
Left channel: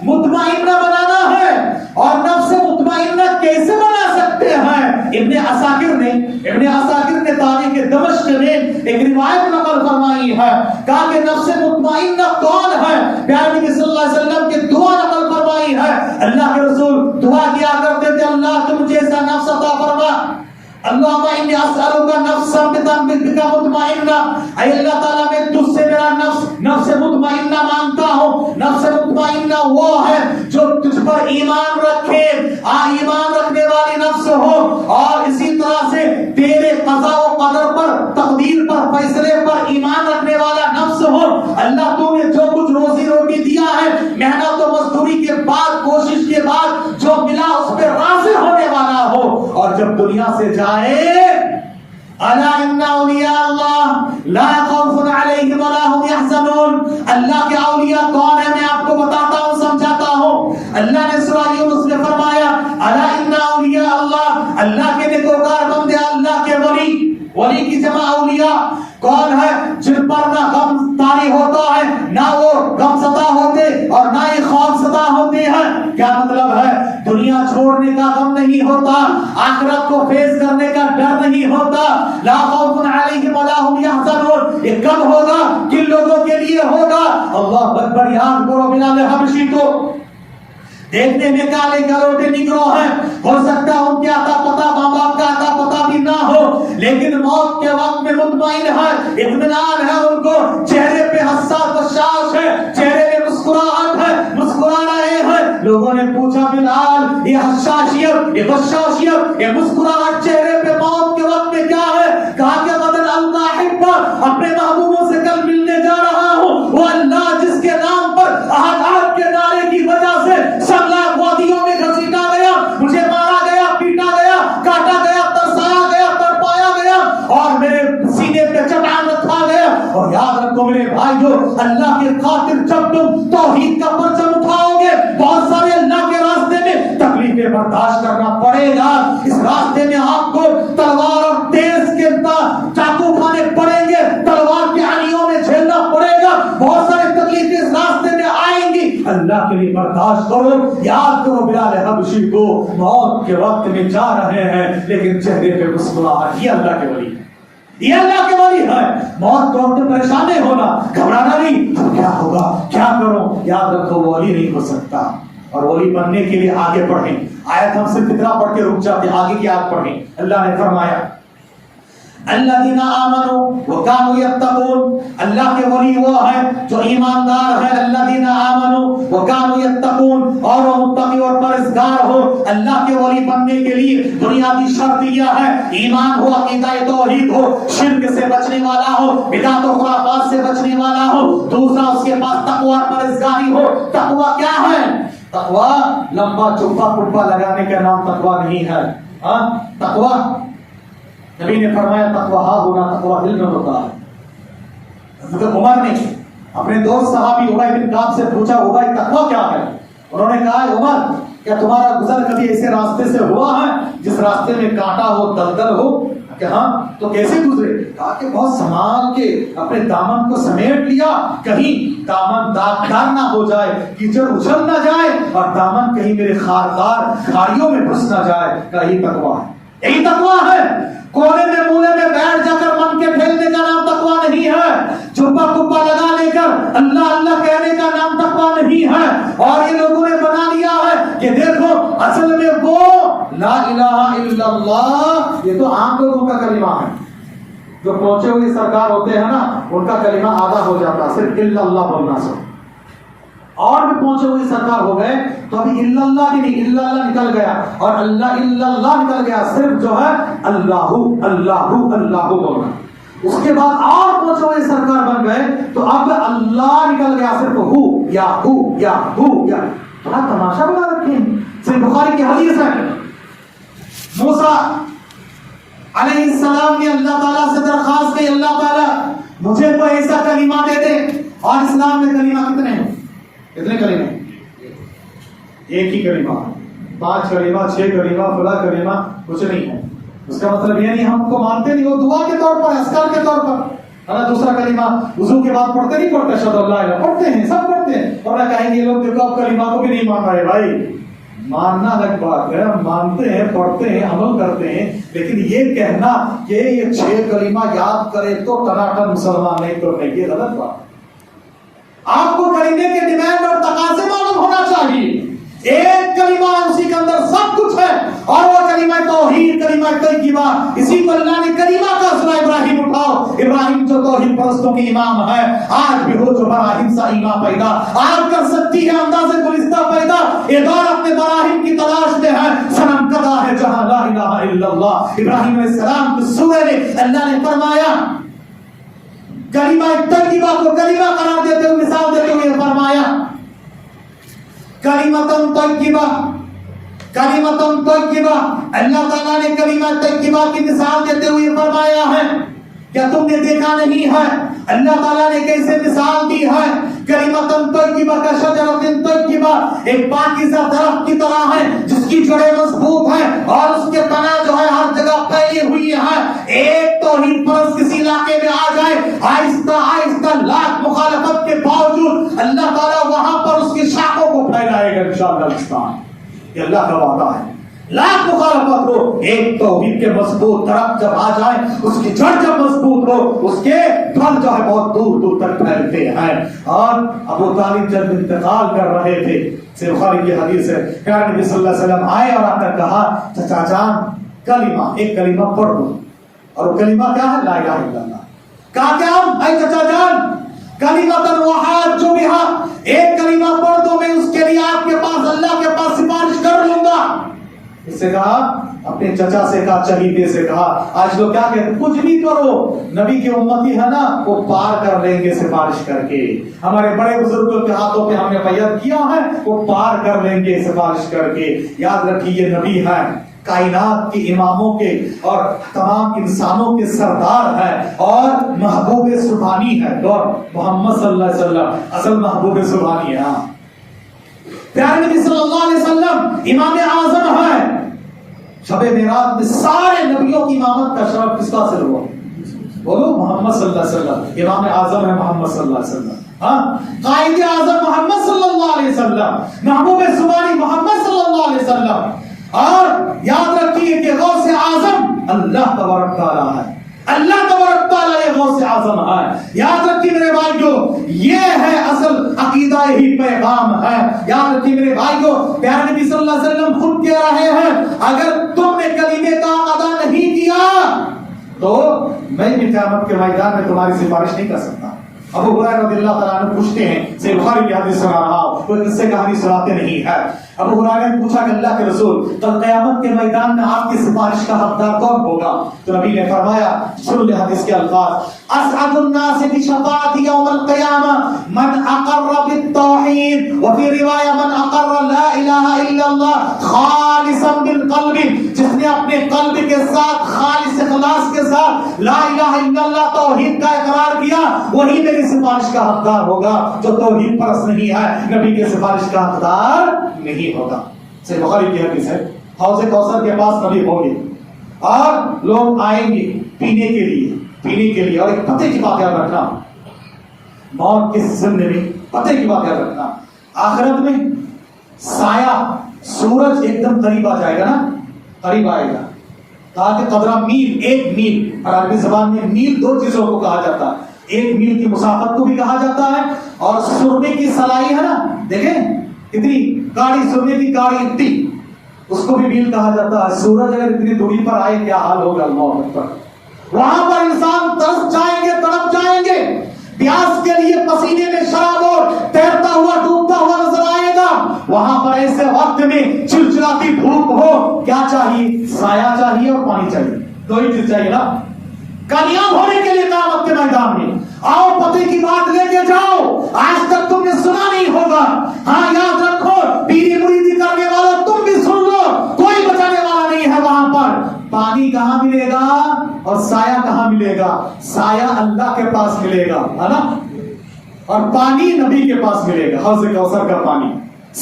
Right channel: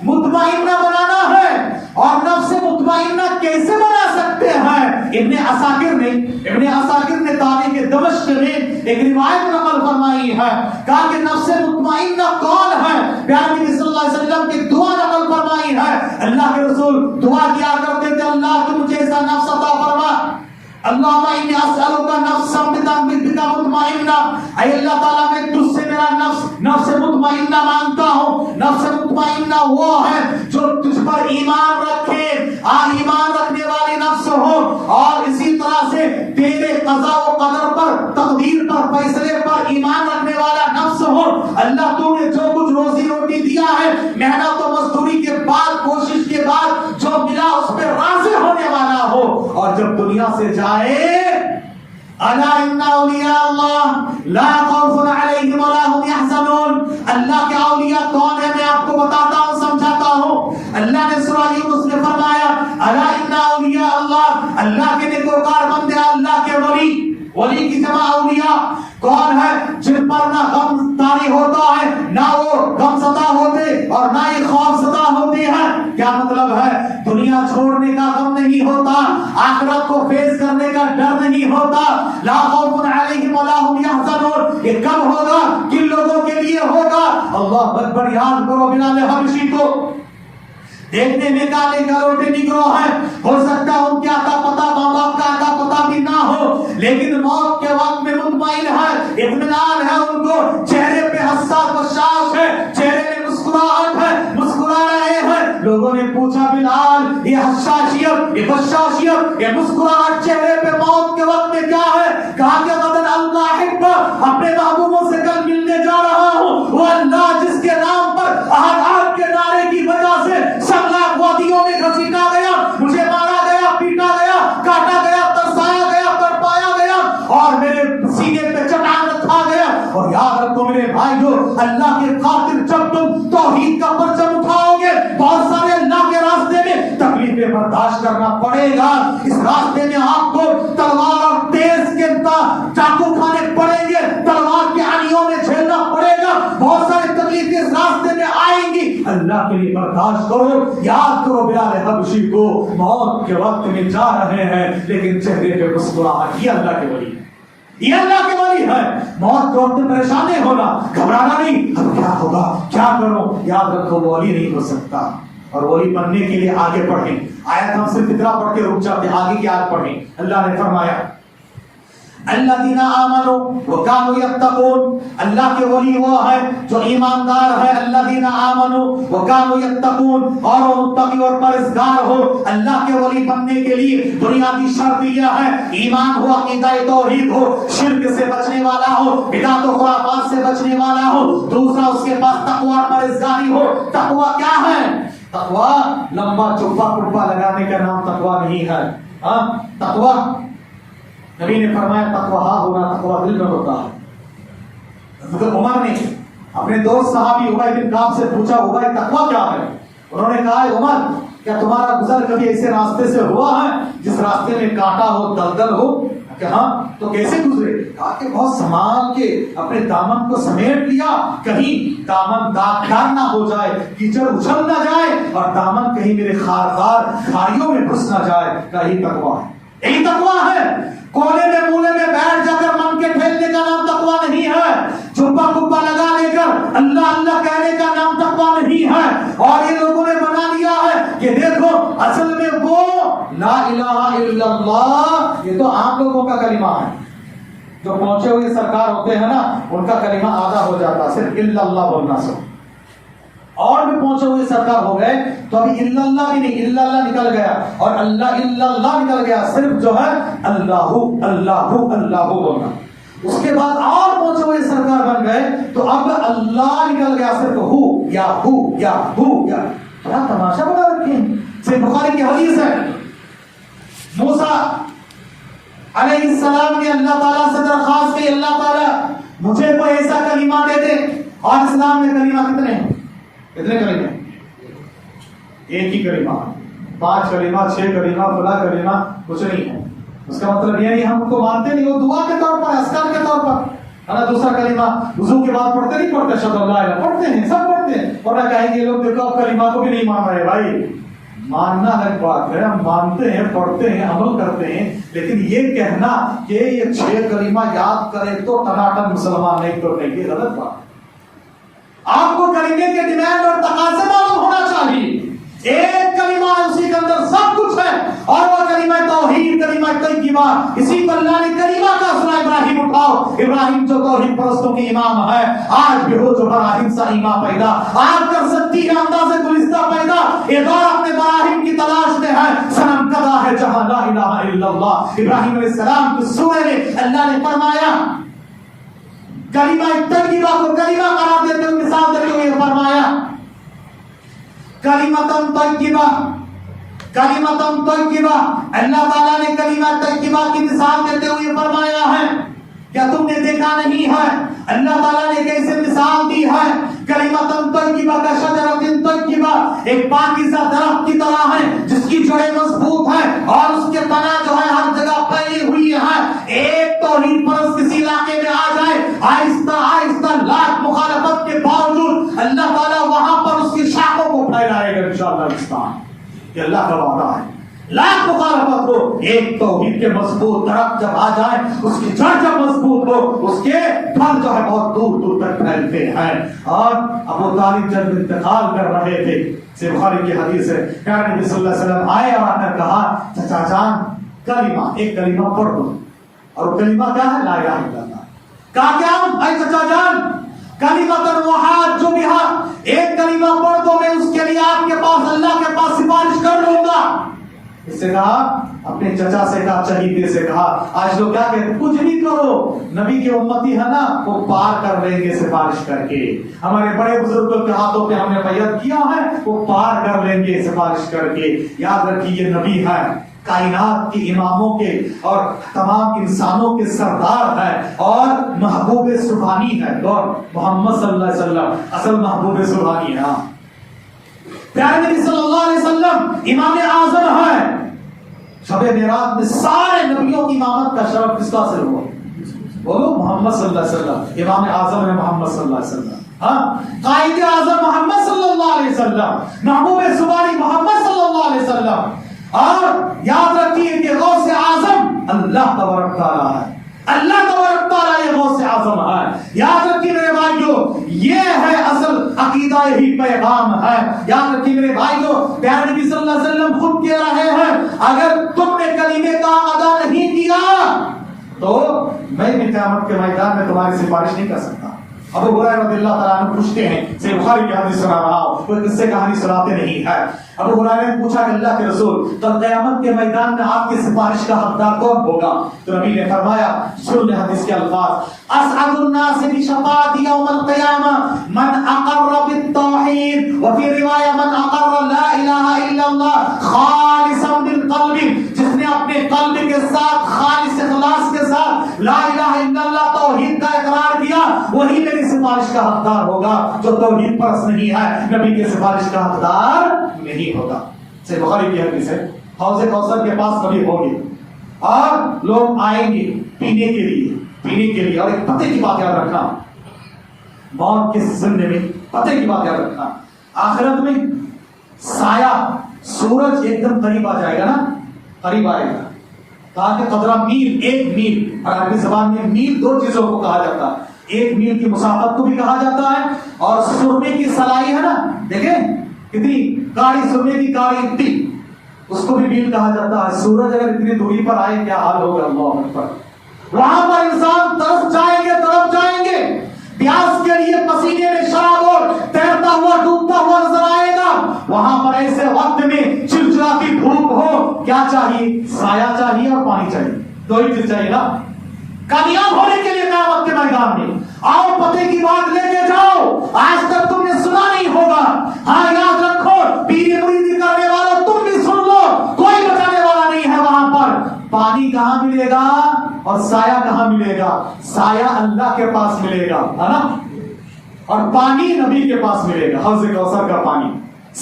مطمئنہ بنانا ہے. اور نفس مطمئنہ کیسے بنا سکتے ہیں؟ ابن عساکر نے تاریخ دمشق میں ایک روایت نقل فرمائی ہے، کہا کہ نفس مطمئنہ کون ہے؟ پیارے نبی صلی اللہ علیہ وسلم کی دعا نقل فرمائی ہے، اللہ کے رسول دعا کیا کرتے تھے اللہ تو مجھے ایسا نفس عطا فرما، اللہم انی اسألک نفسا بک مطمئنہ، اے اللہ تعالیٰ میں تجھ سے میرا نفس مطمئنہ مانگتا ہوں۔ نفس مطمئنہ وہ ہے جو تجھ پر ایمان رکھے، ایمان رکھنے والی نفس ہو، اور اسی طرح سے تیرے قضاء و قدر پر، تقدیر پر، فیصلے پر ایمان رکھنے والا نفس ہو۔ اللہ تو نے جو کچھ روزی روٹی دیا ہے، محنت و مزدوری کے بعد، کوشش کے بعد جو ملا اس پہ راضی ہونے والا ہو، اور جب دنیا سے جائے الا ان اولیاء اللہ لا خوف علیہم ولا هم يحزنون، اللہ کے اولیاء کون ہیں میں آپ کو بتاتا ہوں، سمجھاتا ہوں۔ اللہ نے سورہ یونس میں فرمایا الا ان اولیاء اللہ، اللہ کے نیکوکار بندے، اللہ کے ولی کی جمع اولیاء کون ہے؟ جن پر نہ غم طاری ہوتا ہے، نہ وہ غم زدہ ہوتے اور نہ ہی خوف زدہ ہوتے ہیں۔ کیا مطلب ہے؟ دنیا چھوڑنے کا غم نہیں ہوتا، آخرت کو فیس کرنے کا ڈر نہیں ہوتا۔ لا خوف علیہم ولا هم يحزنون، یہ کب ہوگا؟ کن لوگوں کے لیے ہوگا؟ اللہ اکبر، یاد کرو بلال حبشی کو دیکھنے میں کالے کروٹے نگرو ہیں، ہو سکتا ہے ان کے عطا پتہ ماں باپ کا عطا پتہ بھی نہ ہو، لیکن موت کے وقت میں مطمئن ہے، اطمینان ہے ان کو، چہرے پہ حساس بشاش ہے، چہرے پہ مسکراہٹ ہے، مسکرا رہے ہیں۔ لوگوں نے پوچھا بلال یہ حساسیت، یہ بشاشیت، یہ مسکراہٹ چہرے پہ موت کے وقت میں کیا ہے؟ کہا کہ غدر القاحب، اپنے محبوبوں سے کل ملنے جا رہا ہوں، وہ اللہ جس کے نام پر احد کے نعرے کی وجہ سے سنگلاخ وادیوں میں گھسیٹا گیا، مجھے مارا گیا، پیٹا گیا، کاٹا گیا، ترسایا گیا، تڑپایا گیا، اور میرے سینے پہ چٹان رکھا گیا۔ اور یاد رکھو میرے بھائیو، اللہ کے خاطر جب تم توحید کا پرچم اٹھاؤ گے، بہت سارے اللہ کے راستے میں تکلیفیں برداشت کرنا پڑے گا۔ اس راستے میں آپ کو تلوار اور تیز کے چاقو کھانے پڑیں گے، تلوار کی آنیوں میں جھیلنا پڑے گا، بہت ساری تکلیفیں اس راستے میں آئیں گی، اللہ کے لیے برداشت کرو۔ یاد کرو بلال حبشی کو موت کے وقت میں جا رہے ہیں لیکن چہرے پہ مسکراہٹ، یہ اللہ کے ولی، یہ اللہ کے ولی ہے۔ موت کے وقت پریشان نہیں ہونا، گھبرانا نہیں، اب کیا ہوگا، کیا کروں؟ یاد رکھو وہ ولی نہیں ہو سکتا، اور ولی بننے کے لیے آگے پڑھیں۔ آیت ہم صرف اتنا پڑھ کے رک جاتے ہیں، آگے کی آیت پڑھیں۔ اللہ نے فرمایا الذین آمنوا وکانوا یتقون، اللہ کے ولی وہ ہے جو ایماندار ہے، الذین آمنوا وکانوا یتقون، اور وہ متقی اور پرہیزگار ہو۔ اللہ کے ولی بننے کے لیے بنیادی شرط یہ ہے ایمان ہو، عقیدہ توحید ہو، شرک سے بچنے والا ہو، بدعت و خرافات سے بچنے والا ہو، دوسرا اس کے پاس تقوی اور پرہیزگاری ہو۔ تقوی کیا ہے؟ تقوی لمبا چوپا کپا لگانے کا نام تقوی نہیں ہے۔ تقوی نبی نے فرمایا تقوی ہاں ہونا، تقوی دل میں ہوتا ہے۔ حضرت عمر نے اپنے دوست صحابی ابی بن کعب سے پوچھا ابی تقوی کیا ہے؟ انہوں نے کہا عمر کیا تمہارا گزر کبھی ایسے راستے سے ہوا ہے جس راستے میں کانٹا ہو، دلدل ہو؟ کہ ہاں، تو کیسے گزرے؟ کہا کہ بہت سنبھال کے اپنے دامن کو سمیٹ لیا، کہیں دامن داغدار نہ ہو جائے، کیچڑ اچھل نہ جائے، اور دامن کہیں میرے خاردار کھاڑیوں میں گھس نہ جائے۔ یہی تقوی ہے، یہی تقوی ہے۔ کونے میں مولے میں بیٹھ جا کر من کے پھیلنے کا نام تقوی نہیں ہے، چپا کپا لگا لے کر اللہ اللہ کہنے کا نام تقوی نہیں ہے۔ اور یہ لوگوں نے بنا لیا ہے کہ دیکھو اصل میں وہ لا الہ الا اللہ، یہ تو عام لوگوں کا کلمہ ہے، جو پہنچے ہوئے سرکار ہوتے ہیں نا ان کا کلمہ آدھا ہو جاتا، صرف الا اللہ بولنا سے، اور بھی پہنچے ہوئے سرکار ہو گئے تو ابھی الا اللہ بھی نہیں، الا اللہ نکل گیا اور اللہ الا اللہ نکل گیا، صرف جو ہے اللہ اللہ اللہ بولنا۔ اس کے بعد اور پہنچے ہوئے سرکار بن گئے تو اب اللہ نکل گیا، صرف ہو یا ہو یا ہو یا۔ بڑا تماشا بنا رکھے ہیں، صرف بخاری کی حدیث ہے، موسیٰ علیہ السلام نے اللہ تعالیٰ سے درخواست کی اللہ تعالیٰ مجھے کوئی ایسا کلمہ دے دے، اور اسلام میں کلمہ کتنے ہیں؟ کتنے کلمہ؟ ایک ہی کلمہ، 5 کلمہ 6 کلمہ فلاں کلمہ کچھ نہیں ہے۔ اس کا مطلب یہ نہیں ہم کو مانتے نہیں، وہ دعا کے طور پر، اذکار کے طور پر ہے نا۔ دوسرا کلمہ وضو کے بعد پڑھتے نہیں پڑھتے، اشہد ان لا الہ، پڑھتے ہیں، سب پڑھتے ہیں، اور نہ کہیں گے لوگ دیکھو اب کلمہ کو بھی نہیں مان رہے۔ بھائی ماننا الگ بات ہے، ہم مانتے ہیں، پڑھتے ہیں، عمل کرتے ہیں، لیکن یہ کہنا کہ یہ 6 کلمہ یاد کرے تو ٹناٹن مسلمان نہیں کرنے، یہ غلط بات۔ آپ کو کلمے کے ڈیمانڈ اور تقاضے معلوم ہونا چاہیے۔ ایک کلمہ ہے، اسی کے اندر سب کچھ ہے، اور وہ کلمہ توحید، کلمہ طیبہ، اسی کو اللہ نے کلمہ کا سنا ابراہیم اٹھاؤ۔ ابراہیم جو توحید پرستوں کے امام ہے، آج بھی ہو جو براہیم سا ایمان پیدا، آج کر سکتی ہے انداز گلستہ پیدا، ایک اور اپنے براہیم کی تلاش میں ہے، صنم کدا ہے جہاں لا الہ الا اللہ۔ ابراہیم علیہ السلام کی سورہ میں اللہ نے فرمایا، کلمہ طیبہ کو کلمہ قرار دیتے ہوئے، مثال دیتے ہوئے فرمایا کلمۃ طیبہ، کلمۃ طیبہ، اللہ تعالیٰ نے کلمہ طیبہ کی مثال دیتے ہوئے فرمایا ہے، کیا تم نے دیکھا نہیں ہے اللہ تعالیٰ نے کیسے مثال دی ہے؟ کلمۃ طیبہ کا شجرۃ طیبہ، ایک پاکیزہ درخت کی طرح ہے جس کی جڑیں مضبوط ہیں اور اس کے تنا جو ہے ہر جگہ پھیلی ہوئی ہے۔ ایک توحید پرست کسی علاقے میں آ جائے، آہستہ آہستہ لاکھ مخالفت کے باوجود اللہ تعالیٰ وہاں پر اس کی شاخوں کو پھیلائے گا انشاءاللہ۔ یہ اللہ کا وعدہ ہے، لاکھ مخالفت ہو، ایک توحید کے مضبوط درخت جب آ جائے، اس کی جڑ جب مضبوط ہو، اس کے پھل جو ہے بہت دور دور تک پھیلتے ہیں۔ اور ابو طالب جب انتقال کر رہے تھے، سے بخاری کی حدیث ہے، پیارے نبی صلی اللہ علیہ وسلم آئے اور آ کر کہا چچا جان کلمہ، ایک کلمہ پڑھ دو، اور کلمہ کیا ہے؟ لا الہ الا اللہ۔ کہا کیا اے چچا جان کلمۃ وحاج جو بہا، ایک کلمہ پڑھ دو، میں اس کے لیے آپ کے پاس اللہ کے پاس سفارش کر لوں گا۔ اس سے کہا، اپنے چچا سے کہا، چہیتے سے کہا، آج لوگ کیا کہتے ہیں؟ کچھ نہیں کرو، نبی کے امتی ہے نا، وہ پار کر لیں گے سفارش کر کے۔ ہمارے بڑے بزرگوں کے ہاتھوں پہ ہم نے بیعت کیا ہے، وہ پار کر لیں گے سفارش کر کے۔ یاد رکھیے یہ نبی ہے، کائنات کے اماموں کے اور تمام انسانوں کے سردار ہے، اور محبوب سبحانی ہے، اور محمد صلی اللہ علیہ وسلم اصل محبوب سبحانی ہے۔ پیارے نبی صلی اللہ علیہ وسلم امام اعظم ہے۔ شب معراج میں سارے نبیوں کی امامت کا شرف کس کا حاصل ہوا؟ بولو محمد صلی اللہ علیہ وسلم۔ امام اعظم ہے محمد صلی اللہ علیہ وسلم، ہاں، قائد اعظم محمد صلی اللہ علیہ وسلم، محبوب سبحانی محمد صلی اللہ علیہ وسلم۔ اور یاد رکھیے کہ غوث اعظم اللہ تبارک تعالیٰ ہے، اللہ تبارک تعالیٰ یہ غوث اعظم ہے۔ یاد رکھیے میرے بھائیو، یہ ہے اصل عقیدہ، یہی پیغام ہے۔ یاد رکھیے میرے بھائیو، پیارے نبی صلی اللہ علیہ وسلم خود کہہ رہے ہیں، اگر تم نے کلمے کا ادا نہیں کیا تو میں بھی قیامت کے میدان میں تمہاری سفارش نہیں کر سکتا۔ ابو ہریرہ رضی اللہ تعالیٰ عنہ پوچھتے ہیں، سے بخاری کی حدیث سنا رہا ہوں، کوئی قصے کہانی سناتے نہیں ہے۔ ابو ہریرہ نے پوچھا کہ اللہ کے رسول، کل قیامت کے میدان میں آپ کی سفارش کا حقدار کون ہوگا؟ تو نبی نے فرمایا، سن لے حدیث کے الفاظ، اسعد الناس بشفاعت یوم القیامہ من اقر بالتوحید، وفی روایہ من اقر لا الہ الا اللہ خالصا بالقلب، جس نے اپنے قلب کے ساتھ خالص اخلاص کے ساتھ لا الہ الا اللہ توحید کا اقرار کیا، وہی میری سفارش کا حقدار ہوگا۔ جو توحید پرست نہیں ہے، نبی کے سفارش کا حقدار نہیں ہوگا۔ سے بخاری کی حدیث ہے، حوض کوثر کے پاس نبی ہوں گے اور لوگ آئیں گے پینے کے لیے، اور ایک پتے کی بات یاد رکھنا، موت کے زمنے میں پتے کی بات یاد رکھنا، آخرت میں سایہ سورج ایک دم قریب آ جائے گا نا، قریب آئے گا، کہا کہ قدرہ میل، ایک میل، عربی زبان میں میل دو چیزوں کو کہا جاتا ہے، ایک میل کی مسافت کو بھی کہا جاتا ہے، اور سرنے کی سلائی ہے نا، دیکھیں اتنی کاڑی، سرنے کی کاڑی اتنی، اس کو بھی میل کہا جاتا ہے۔ سورج اگر اتنی دوری پر آئے کیا حال ہوگا، اللہ اکبر۔ وہاں پر انسان ترس جائیں گے، تڑپ جائیں گے، پیاس کے لیے پسینے میں شراب اور تیرتا ہوا ڈوبتا ہوا نظر آئے گا۔ وہاں پر ایسے وقت میں چلچلاتی دھوپ ہو، کیا چاہیے؟ سایہ چاہیے اور پانی چاہیے، دو ہی چیز چاہیے نا کامیاب ہونے کے لیے قیامت کے میدان میں۔ آؤ پتے کی بات لے کے جاؤ، آج تک تم نے سنا نہیں ہوگا، ہاں یاد رکھو، پیری مریدی کرنے والوں تم بھی سن لو، کوئی بچانے والا نہیں ہے وہاں پر۔ پانی کہاں ملے گا اور سایہ کہاں ملے گا؟ سایہ اللہ کے پاس ملے گا، ہے نا، اور پانی نبی کے پاس ملے گا، حوض کوثر کا پانی۔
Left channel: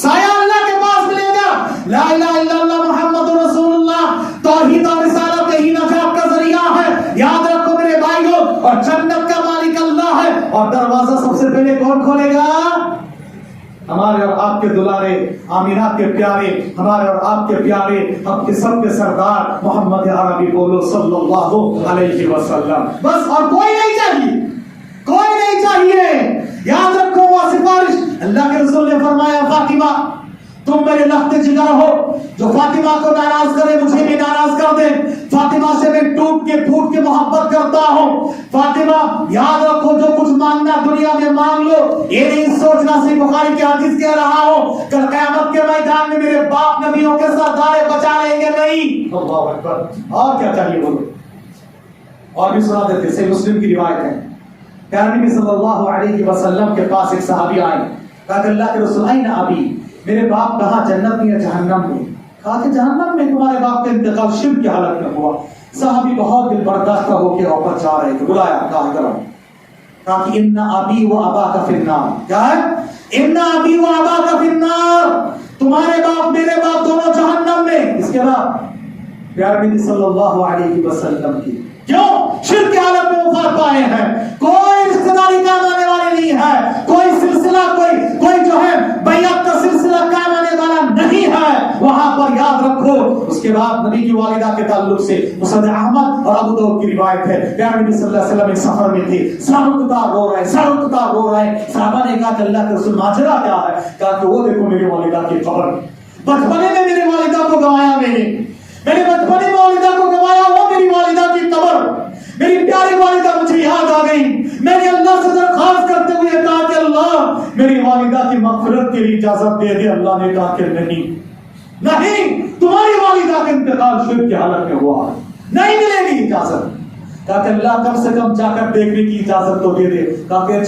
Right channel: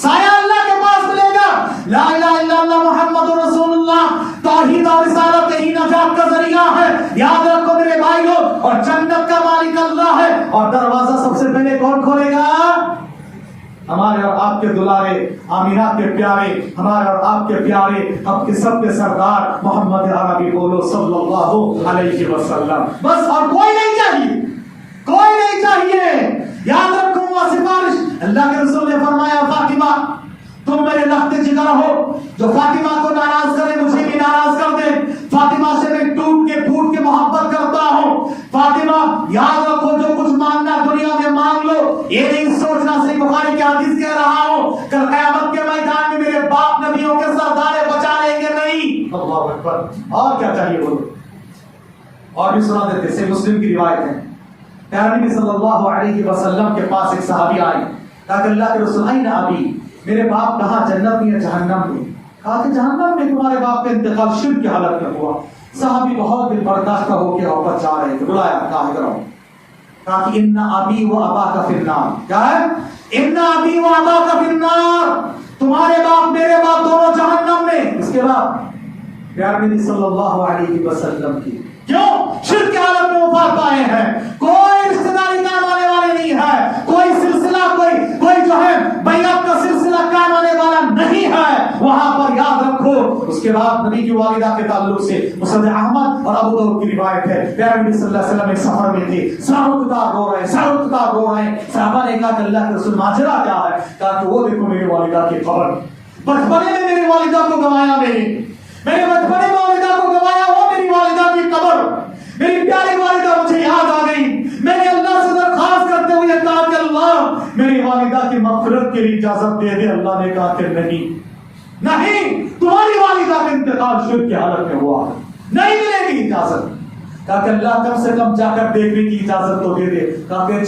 سایہ اللہ کے پاس ملے گا، لا الہ الا اللہ محمد رسول اللہ، توحید اور رسالت ہی نجات کا ذریعہ ہے، یاد رکھو میرے بھائیو۔ اور جنت کا مالک اللہ ہے، اور دروازہ سب سے پہلے کون کھولے گا؟ ہمارے اور آپ کے دلارے آمینہ کے پیارے، ہمارے اور آپ کے پیارے، آپ کے سب کے سردار محمد عربی بولو صلی اللہ علیہ وسلم، بس اور کوئی نہیں چاہیے، کوئی نہیں چاہیے۔ یاد رکھو وہ سفارش، اللہ کے رسول نے فرمایا، فاطمہ تم میرے جو فاطمہ کو ناراض کرے مجھے بھی ناراض کر دے. فاطمہ سے میں ٹوٹ کے پھوٹ کے محبت کرتا ہوں. فاطمہ یاد رکھو جو کچھ مانگنا دنیا میں مانگ لو, یہ نہیں سوچنا. صحیح بخاری کی حدیث کہہ رہا ہوں کل قیامت کے میدان میں میرے باپ نبیوں کے سردار بچا لیں گے نہیں. اللہ اکبر. اور کیا چاہیے بولو. اور بھی سنا دیتے. صحیح مسلم کی روایت ہے پیارے نبی صلی اللہ علیہ وسلم کے پاس ایک صحابی آئے. کہا کہ اللہ کے رسول این ابی, میرے باپ کہاں جنت میں یا جہنم میں؟ کہا کہ جہنم میں. تمہارے باپ کا انتقال شرک کی حالت میں ہوا. صحابی بہت دل برداشت ہو کے اوپر جا رہے تھے. بلایا کہا کرو. کہا کہ ان ابی و اباک فی النار. کیا ہے؟ ان ابی و اباک فی النار. تمہارے باپ میرے باپ دونوں جہنم میں. اس کے بعد پیارے نبی صلی اللہ علیہ وسلم کی کیوں شرک کی حالت میں وفات پائے ہیں. کوئی رشتہ داری کام آنے والے نہیں ہے. کوئی سلسلہ کوئی جو ہے بیعت کا سلسلہ کام آنے والا نہیں ہے. وہاں پر یاد رکھو. اس کے بعد نبی کی والدہ کے تعلق سے مسند احمد اور ابو داؤد کی روایت ہے. پیارے نبی صلی اللہ علیہ وسلم ایک سفر میں تھے. سرکتار رو رہے ہیں. صحابہ نے کہا کہ اللہ کے رسول ماجرا کیا ہے؟ کہا کہ وہ دیکھو میری والدہ کی قبر. بچپنے میں میری والدہ کو گوایا میرے بچپنے میں والدہ کو گوایا وہ میری والدہ کی قبر. میری پیاری والدہ مجھے یاد آ گئی. میں نے اللہ سے درخواست کرتے ہوئے کہا کہ اللہ میری والدہ کی مغفرت کے لیے اجازت دے دے. اللہ نے کہا کہ نہیں تمہاری والدہ کا انتقال شرک کی حالت میں ہوا, نہیں ملے گی اجازت. کہا کہ اللہ کم سے کم جا کر دیکھنے کی اجازت تو دے دے. کہا کہ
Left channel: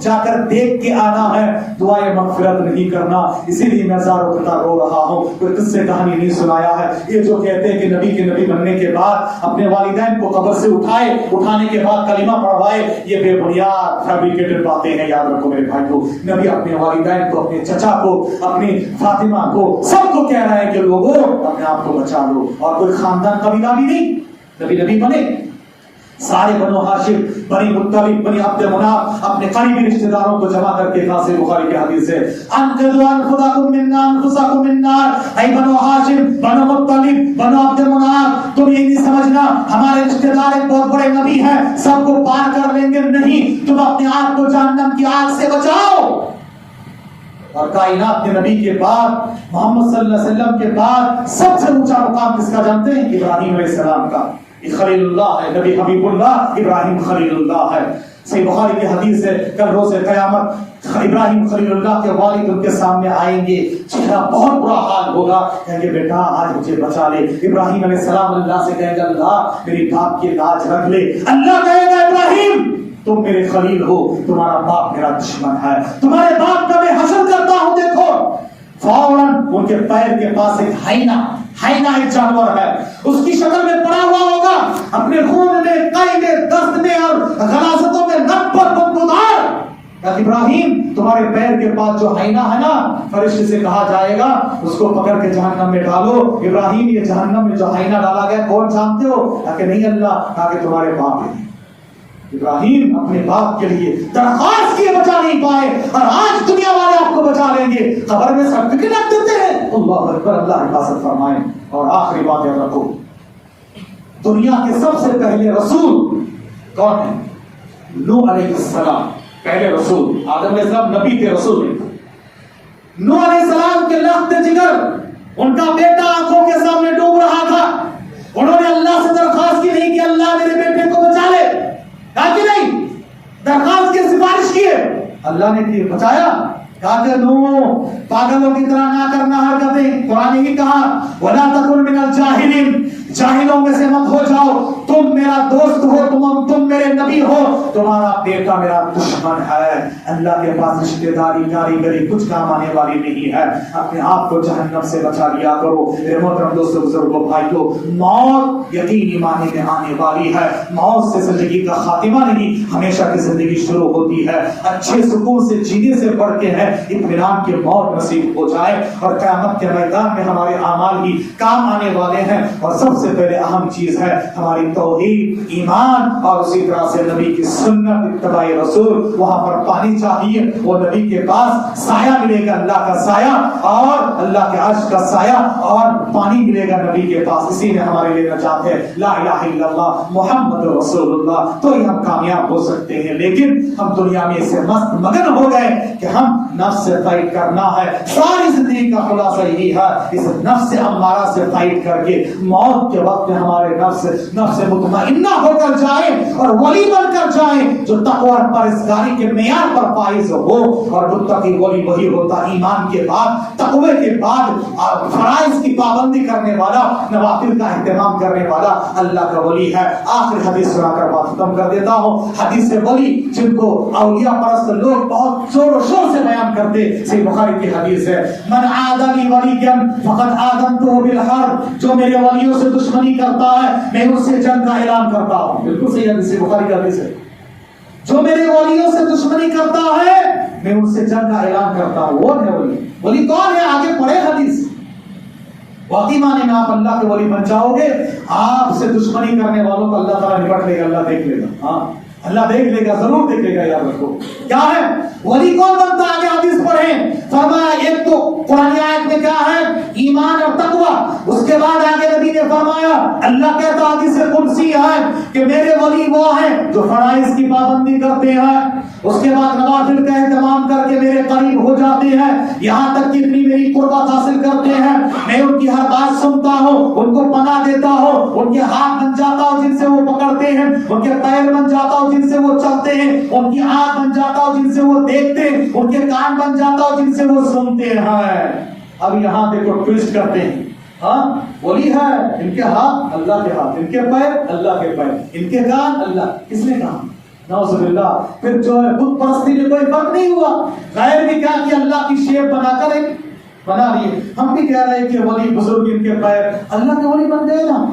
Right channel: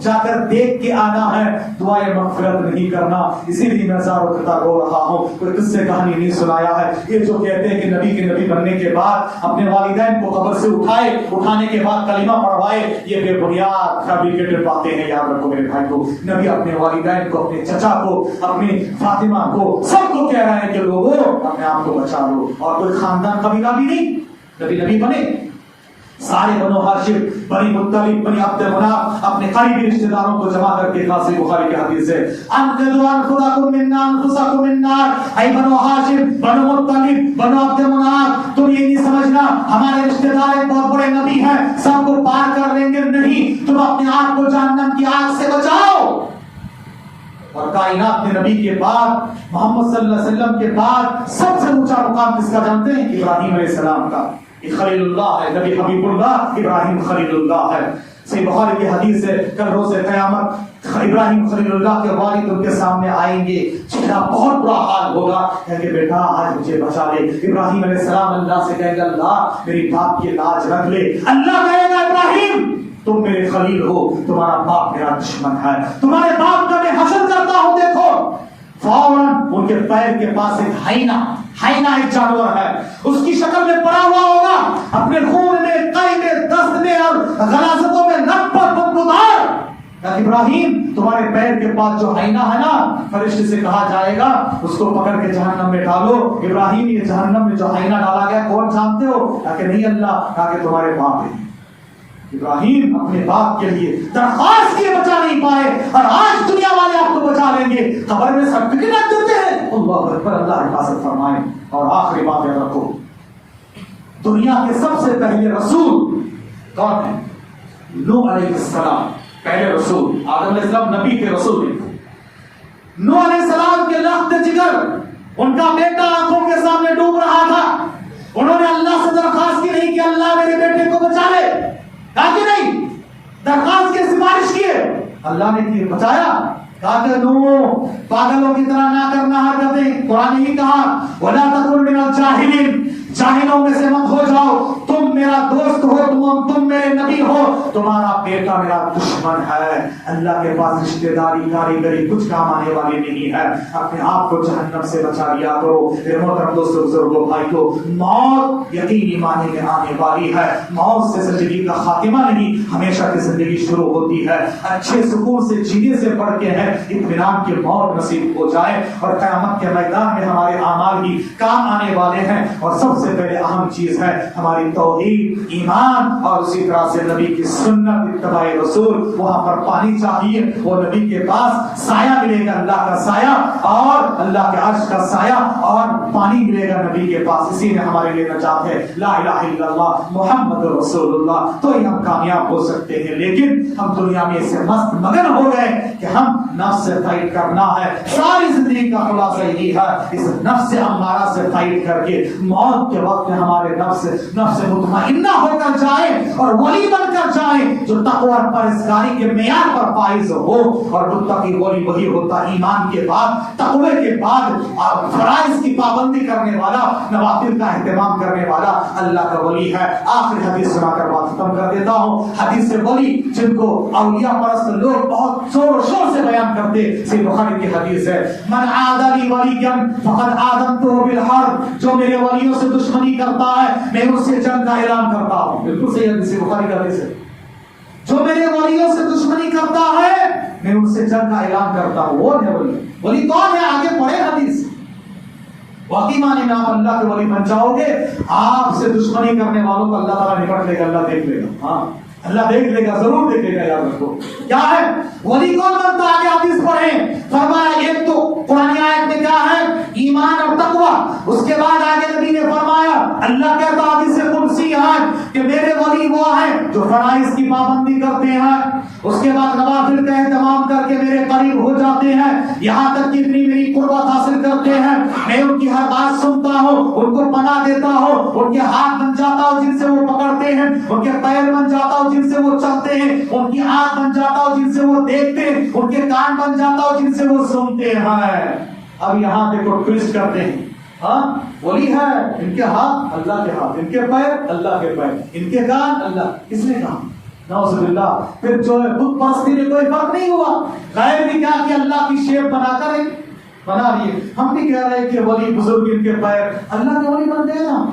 جا کر دیکھ کے آنا ہے, دعائے مغفرت نہیں کرنا. اسی لیے میں زاروں کتا رو رہا ہوں. کوئی قصے کہانی نہیں سنایا ہے. یہ جو کہتے ہیں کہ نبی کے نبی بننے کے بعد اپنے والدین کو قبر سے اٹھانے کے بعد کلمہ پڑھوائے, یہ بے بنیاد فیبریکیٹڈ باتیں ہیں. یاد رکھو میرے بھائی کو, نبی اپنے والدین کو, اپنے چچا کو, اپنی فاطمہ کو, سب کو کہہ رہے ہیں کہ لوگوں اپنے آپ کو بچا لو. اور کوئی خاندان قبیلہ بھی نہیں. نبی بنے سارے بنو ہاشم, بنی مطلب, بنی عبد مناف اپنے قریبی رشتہ داروں کو جمع کر کے صحیح بخاری کی حدیث ہے انقذوا انفسکم من انفسکم من نار. اے بنو ہاشم, بنو مطلب, بنو عبد مناف, تم یہ نہیں سمجھنا ہمارے رشتہ دار ایک بہت بڑے نبی ہیں سب کو پار کر لیں گے. نہیں, تم اپنے آپ کو جہنم کی آگ سے بچاؤ. اور کائنات کے نبی کے بعد محمد صلی اللہ علیہ وسلم کے بعد سب سے اونچا مقام کس کا جانتے ہیں؟ ابراہیم علیہ السلام کا. خلیل اللہ ہے, نبی حبیب اللہ ابراہیم خلیل اللہ ہے. صحیح بخاری کی حدیث ہے کل روز قیامت ابراہیم خلیل اللہ کے والد ان کے سامنے آئیں گے. چہرہ بہت برا حال ہوگا, کہیں گے بیٹا آج مجھے بچا لے. ابراہیم علیہ السلام اللہ سے کہیں گے اللہ میری باپ کی لاج رکھ لے. اللہ کہے گا ابراہیم تم میرے خلیل ہو, تمہارا باپ میرا دشمن ہے, تمہارے باپ کا میں حسد کرتا ہوں. دیکھو فوراً ان کے پیر کے پاس ایک ہائنا ایک جانور ہے, اس کی شکل میں پڑا ہوا ہوگا, اپنے خون میں, قے میں, دست میں اور غلاظتوں میں نپر بدبودار. ابراہیم تمہارے پیر کے پاس جو ہائنا ہے نا, فرشتے سے کہا جائے گا اس کو پکڑ کے جہنم میں ڈالو. ابراہیم یہ جہنم میں جو ہائنا ڈالا گیا کون جانتے ہو؟ کہ نہیں اللہ, کہ تمہارے باپ ہیں. ابراہیم اپنے باپ کے لیے درخواست کیے بچا نہیں پائے, اور آج دنیا والے آپ کو بچا لیں گے. قبر میں سرٹیفکیٹ رکھ دیتے ہیں. اللہ اکبر, اللہ حفاظت فرمائے. اور آخری بات یاد رکھو, دنیا کے سب سے پہلے رسول کون ہے؟ نوح علیہ السلام. پہلے رسول آدم علیہ السلام نبی کے رسول ہیں. نوح علیہ السلام کے لخت جگر, ان کا بیٹا آنکھوں کے سامنے ڈوب رہا تھا. انہوں نے اللہ سے درخواست کی نہیں کہ اللہ میرے بیٹے کو بچا لے, کہ نہیں درخواست کی, سفارش کیے, اللہ نے بچایا. کہا کہ نو پاگلوں کی طرح نہ کرنا حرکتیں. قرآن نے کہا وَلَا تَكُنْ مِنَ الْجَاهِلِينَ, جاہلوں میں سے مت ہو جاؤ, تم میرا دوست ہو, تم میرے نبی ہو, تمہارا بیٹا میرا دشمن ہے. اللہ کے پاس رشتہ داری کاریگری کچھ کام آنے والی نہیں ہے. اپنے آپ کو جہنم سے بچا لیا کرو. میرے محترم دوستو, بزرگوں, بھائیو, موت یقینی معنی میں آنے والی ہے. موت سے زندگی کا خاتمہ نہیں, ہمیشہ کی زندگی شروع ہوتی ہے. اچھے سکون سے جینے سے بڑھ کے ہے اطمینان کی موت نصیب ہو جائے. اور قیامت کے میدان میں ہمارے اعمال ہی کام آنے والے ہیں. اور سب سے پہلے اہم چیز ہے ہماری توحید ایمان اور اسی طرح سے نبی کی سنت اتباع رسول. وہاں پر پانی چاہیے, وہ نبی کے پاس سایہ ملے گا, اللہ کا سایہ اور اللہ کے عرش کا سایہ اور پانی ملے گا نبی کے پاس. اسی میں ہمارے لیے نجات ہے, لا الہ الا اللہ محمد رسول اللہ. تو ہی ہم کامیاب ہو سکتے ہیں. لیکن ہم دنیا میں اس سے مست مگن ہو گئے کہ ہم نفس سے فائٹ کرنا ہے. ساری زندگی کا خلاصہ یہی ہے, اس نفس امارہ سے فائٹ کر کے موت کے وقت میں ہمارے نفس مطمئنہ ہو کر جائیں اور ولی بن کر جائیں جو تقوی اور پرہیزگاری کے معیار پر فائز ہو. اور متقی ولی وہی ہوتا ایمان کے بعد, تقوی کے بعد, اور فرائض کی پابندی کرنے والا, نوافل کا اہتمام کرنے والا اللہ کا ولی ہے. آخری حدیث سنا کر بات ختم کر دیتا ہوں. حدیث ولی جن کو اولیاء پرست لوگ بہت زور و شور سے بیان کرتے, صحیح بخاری کی حدیث ہے, من عاد لی ولیا فقد آذنتہ بالحرب. جو میرے ولیوں سے دشمنی کرتا ہے میں اس سے جنگ کا اعلان کرتا ہوں. بالکل صحیح حدیث ہے, بخاری کا حدیث ہے. جو میرے ولیوں سے دشمنی کرتا ہے میں ان سے جنگ کا اعلان کرتا ہوں. وہ ہے ولی. ولی کون ہے؟ آگے پڑھے حدیث. واقعی معنی میں آپ اللہ کے ولی بن جاؤ گے. آپ سے دشمنی کرنے والوں کو اللہ تعالیٰ نپٹ لے گا, اللہ دیکھ لے گا. ہاں اللہ دیکھ لے گا, ضرور دیکھ لے گا. یاد رکھو کیا ہے ولی کون بنتا ہے. آگے حدیث پڑھیں, فرمایا ایک تو قرآن آیت میں کیا ہے ایمان اور تقوی. اس کے بعد آگے نبی نے فرمایا, اللہ کہتا حدیث قدسی ہے کہ میرے ولی وہ ہیں جو فرائض کی پابندی کرتے ہیں, اس کے بعد نوافل کا اہتمام کر کے میرے قریب ہو جاتے ہیں, یہاں تک کہ اتنی میری قربت حاصل کرتے ہیں, میں ان کی ہر بات سنتا ہوں, ان کو پناہ دیتا ہوں, ان کے ہاتھ بن جاتا ہوں جن سے وہ پکڑتے ہیں, ان کے پیر بن جاتا ہوں جن سے وہ چلتے ہیں, ان کی آنکھ بن جاتا ہوں جن سے وہ دیکھتے ہیں, ان کے کان بن جاتا ہوں جن سے وہ سنتے ہیں. اب یہاں دیکھو ٹویسٹ کرتے ہیں. ہاں ولی ہے, ان کے ہاتھ اللہ کے ہاتھ, ان کے پیر اللہ کے پیر, ان کے کان اللہ. کس نے کہا؟ نعوذ باللہ. پھر جو ہے بت پرستی میں کوئی فرق نہیں ہوا, غیر بھی کیا کہ اللہ کی شیپ بنا کر بنا لیے. ہم بھی کہہ رہے ہیں کہ ولی بزرگ ان کے پیر, اللہ کے ولی بن گئے نا.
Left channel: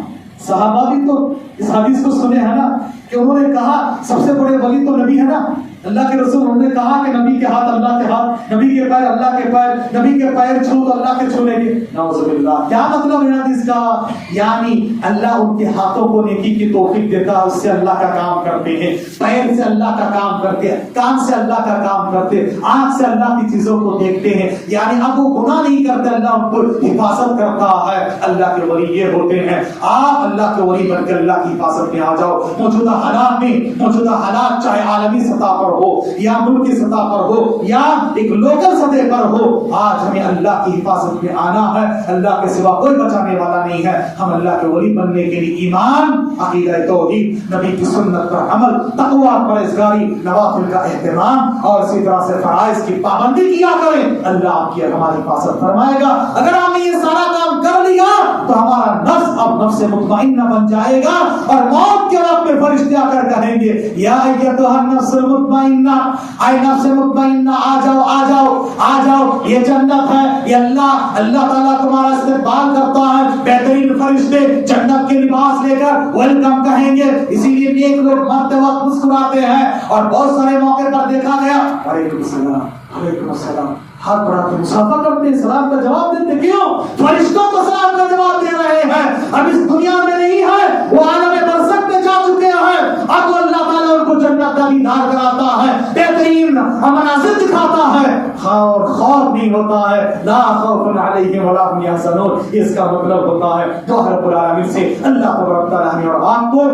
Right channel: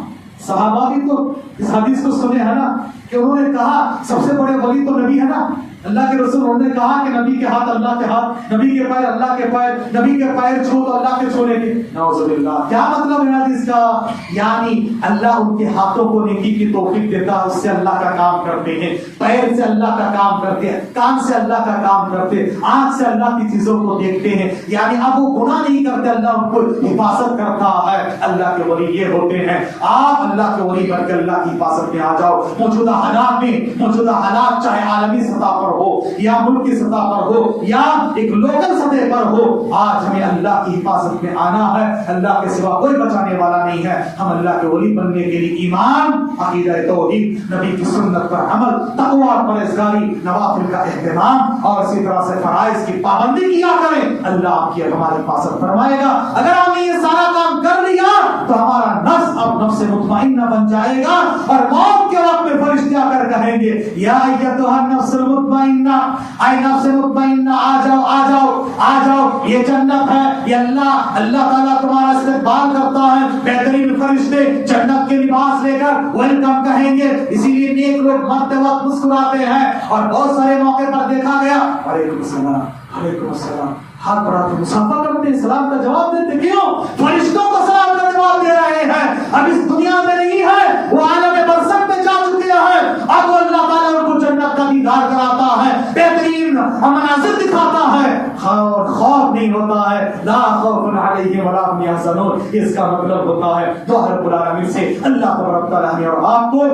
صحابہ بھی تو اس حدیث کو سنے ہیں نا کہ انہوں نے کہا سب سے بڑے ولی تو نبی ہے نا. اللہ کے رسول انہوں نے کہا کہ نبی کے ہاتھ اللہ کے ہاتھ, نبی کے پیر اللہ کے پیر, نبی کے پیر چھو تو اللہ کے چھونے کے. نعوذ باللہ. کیا مطلب ہے حدیث کا؟ یعنی اللہ ان کے ہاتھوں کو نیکی کی توفیق دیتا ہے, اس سے اللہ کا کام کرتے ہیں, پیر سے اللہ کا کام کرتے ہیں, کان سے اللہ کا کام کرتے ہیں, آنکھ سے اللہ کی چیزوں کو دیکھتے ہیں. یعنی اب وہ گناہ نہیں کرتے, اللہ ان کو حفاظت کرتا ہے. اللہ کے ولی یہ ہوتے ہیں. آپ اللہ کے ولی بن کے اللہ کی حفاظت میں آ جاؤ. موجودہ حالات میں, موجودہ حالات چاہے عالمی سطح پر ہو یا ملک کی سطح پر ہو یا ایک لوکل سطح پر ہو, آج ہمیں اللہ کی حفاظت میں آنا ہے. اللہ کے سوا کوئی بچانے والا نہیں ہے. ہم اللہ کے ولی بننے کے لیے ایمان, عقیدہ توحید, نبی کی سنت پر عمل, تقوی اور پرہیزگاری, نوافل کا اہتمام اور اسی طرح سے فرائض کی پابندی کیا کریں. اللہ آپ کی ہماری حفاظت فرمائے گا. اگر ہم نے یہ سارا کام کر لیا تو ہمارا نفس اب نفس مطمئنہ بن جائے گا, اور موت کے وقت میں فرشتے آ کر کہیں گے یا ایتھا النفس المطمئنہ, اے نفس مطمئنہ آ جاؤ, آ جاؤ, آ جاؤ, یہ جنت ہے, یہ اللہ تعالیٰ تمہارا استقبال کرتا ہے. بہترین فرشتے جنت کے لباس لے کر ویلکم کہیں گے. اسی لیے نیک لوگ مرتے وقت مسکراتے ہیں, اور بہت سارے موقع پر دیکھا گیا وعلیکم السلام, وعلیکم السلام, ہاتھ بڑھا کے مسافہ کرتے ہیں, سلام کا جواب دیتے. کیوں؟ فرشتوں کو سلام کا جواب دے رہے ہیں. اب اس دنیا میں نہیں ہے, وہ عالم برزخ میں جا چکے ہیں. اب وہ اللہ تعالیٰ ان کو جنت کا دیدار کراتا ہے, بہترین مناظر دکھاتا ہے, اور خوف نہیں ہوتا ہے. لا خوف علیہم ولا هم يحزنون. اس کا مطلب ہوتا ہے دعا رب العالمین سے اللہ تبارک تعالیٰ اور آپ کو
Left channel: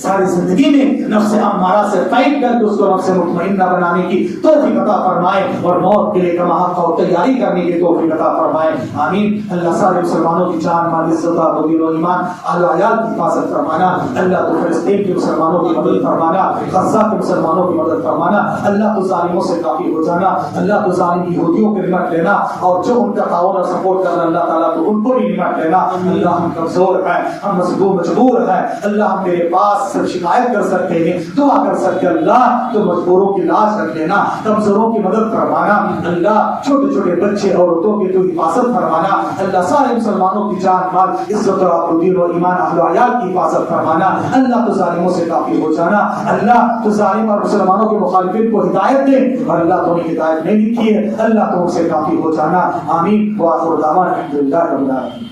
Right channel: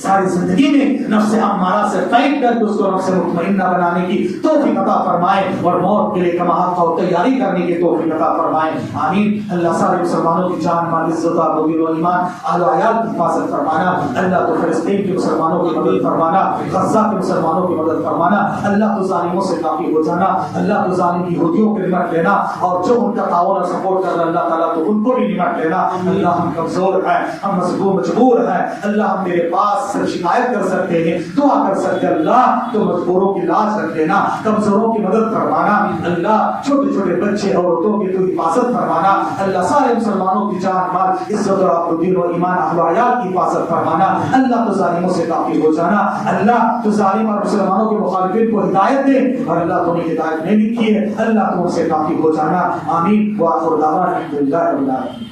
ساری زندگی میں نفس امارہ سے فائٹ کر کے اس کو نفس مطمئنہ بنانے کی توفیق عطا فرمائے, اور موت کے لیے کما حق و تیاری کرنے کی توفیق عطا فرمائے. آمین. اللہ سارے مسلمانوں کی جان, مال, عزت و دین و ایمان, اہل و عیال کی حفاظت فرمانا. اللہ تو فلسطین کے مسلمانوں کی مدد فرمانا, غزہ کے مسلمانوں کی مدد فرمانا. اللہ تو ظالموں سے کافی ہو جانا. اللہ تو ظالم یہودیوں کو نمٹ لینا, اور جو ان کا تعاون اور سپورٹ کر رہا اللہ تعالیٰ تو ان کو بھی نمٹ لینا. اللہ ہم کمزور ہیں, ہم مجبور ہیں. اللہ ہم تیرے پاس شکایت کر سکتے ہیں, دعا کر سکتے ہیں. اللہ تو مجبوروں کی لاش رکھ لینا, کمزوروں کی مدد فرمانا. اللہ چھوٹے چھوٹے بچے عورتوں کی تو حفاظت فرمانا. اللہ سارے مسلمانوں کی جان, مال, عزت اور دین و ایمان, اہل و عیال کی حفاظت فرمانا. اللہ تو ظالموں سے کافی ہو جانا. اللہ تو ظالم اور مسلمانوں کے مخالفین کو ہدایت دے, اور اللہ تو انہیں ہدایت نہیں لکھی ہے, اللہ تو ان سے کافی ہو جانا. آمین. وآخر دعوانا الحمدللہ رب العالمین.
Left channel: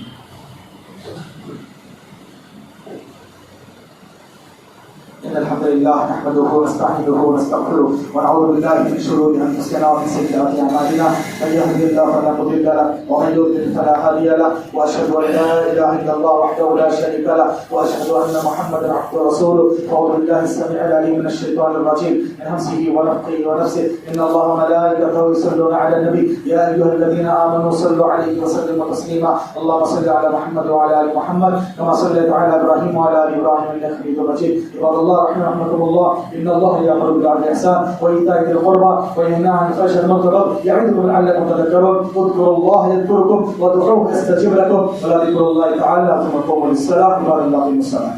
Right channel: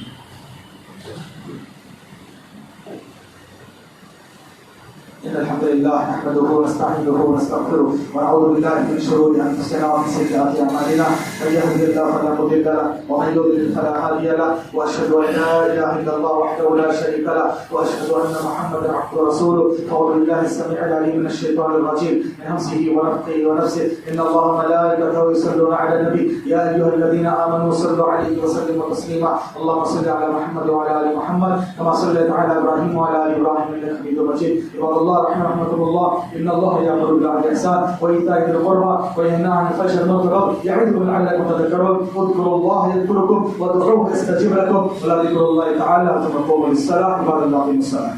إن الحمد لله نحمده ونستعينه ونستغفره ونعوذ بالله من شرور أنفسنا ومن سيئات أعمالنا من يهده الله فلا مضل له ومن يضلل فلا هادي له وأشهد أن لا إله إلا الله وحده لا شريك له وأشهد أن محمدا عبده ورسوله. أعوذ بالله السميع العليم من الشيطان الرجيم من همزه ونفخه ونفسه. إن الله وملائكته يصلون على النبي يا أيها الذين آمنوا صلوا عليه وسلموا تسليما. اللهم صل على محمد وعلى آل محمد كما صليت على إبراهيم وعلى آل إبراهيم إنك حميد مجيد. عباد الله رحمكم الله إن الله يأمر بالعدل والإحسان وإيتاء ذي القربى وينهى عن الفحشاء والمنكر يعظكم لعلكم تذكرون. اذكروا الله يذكركم وادعوه يستجب لكم ولذكر الله تعالى ثم قوموا للصلاة. عباد الله قيموا الصلاة.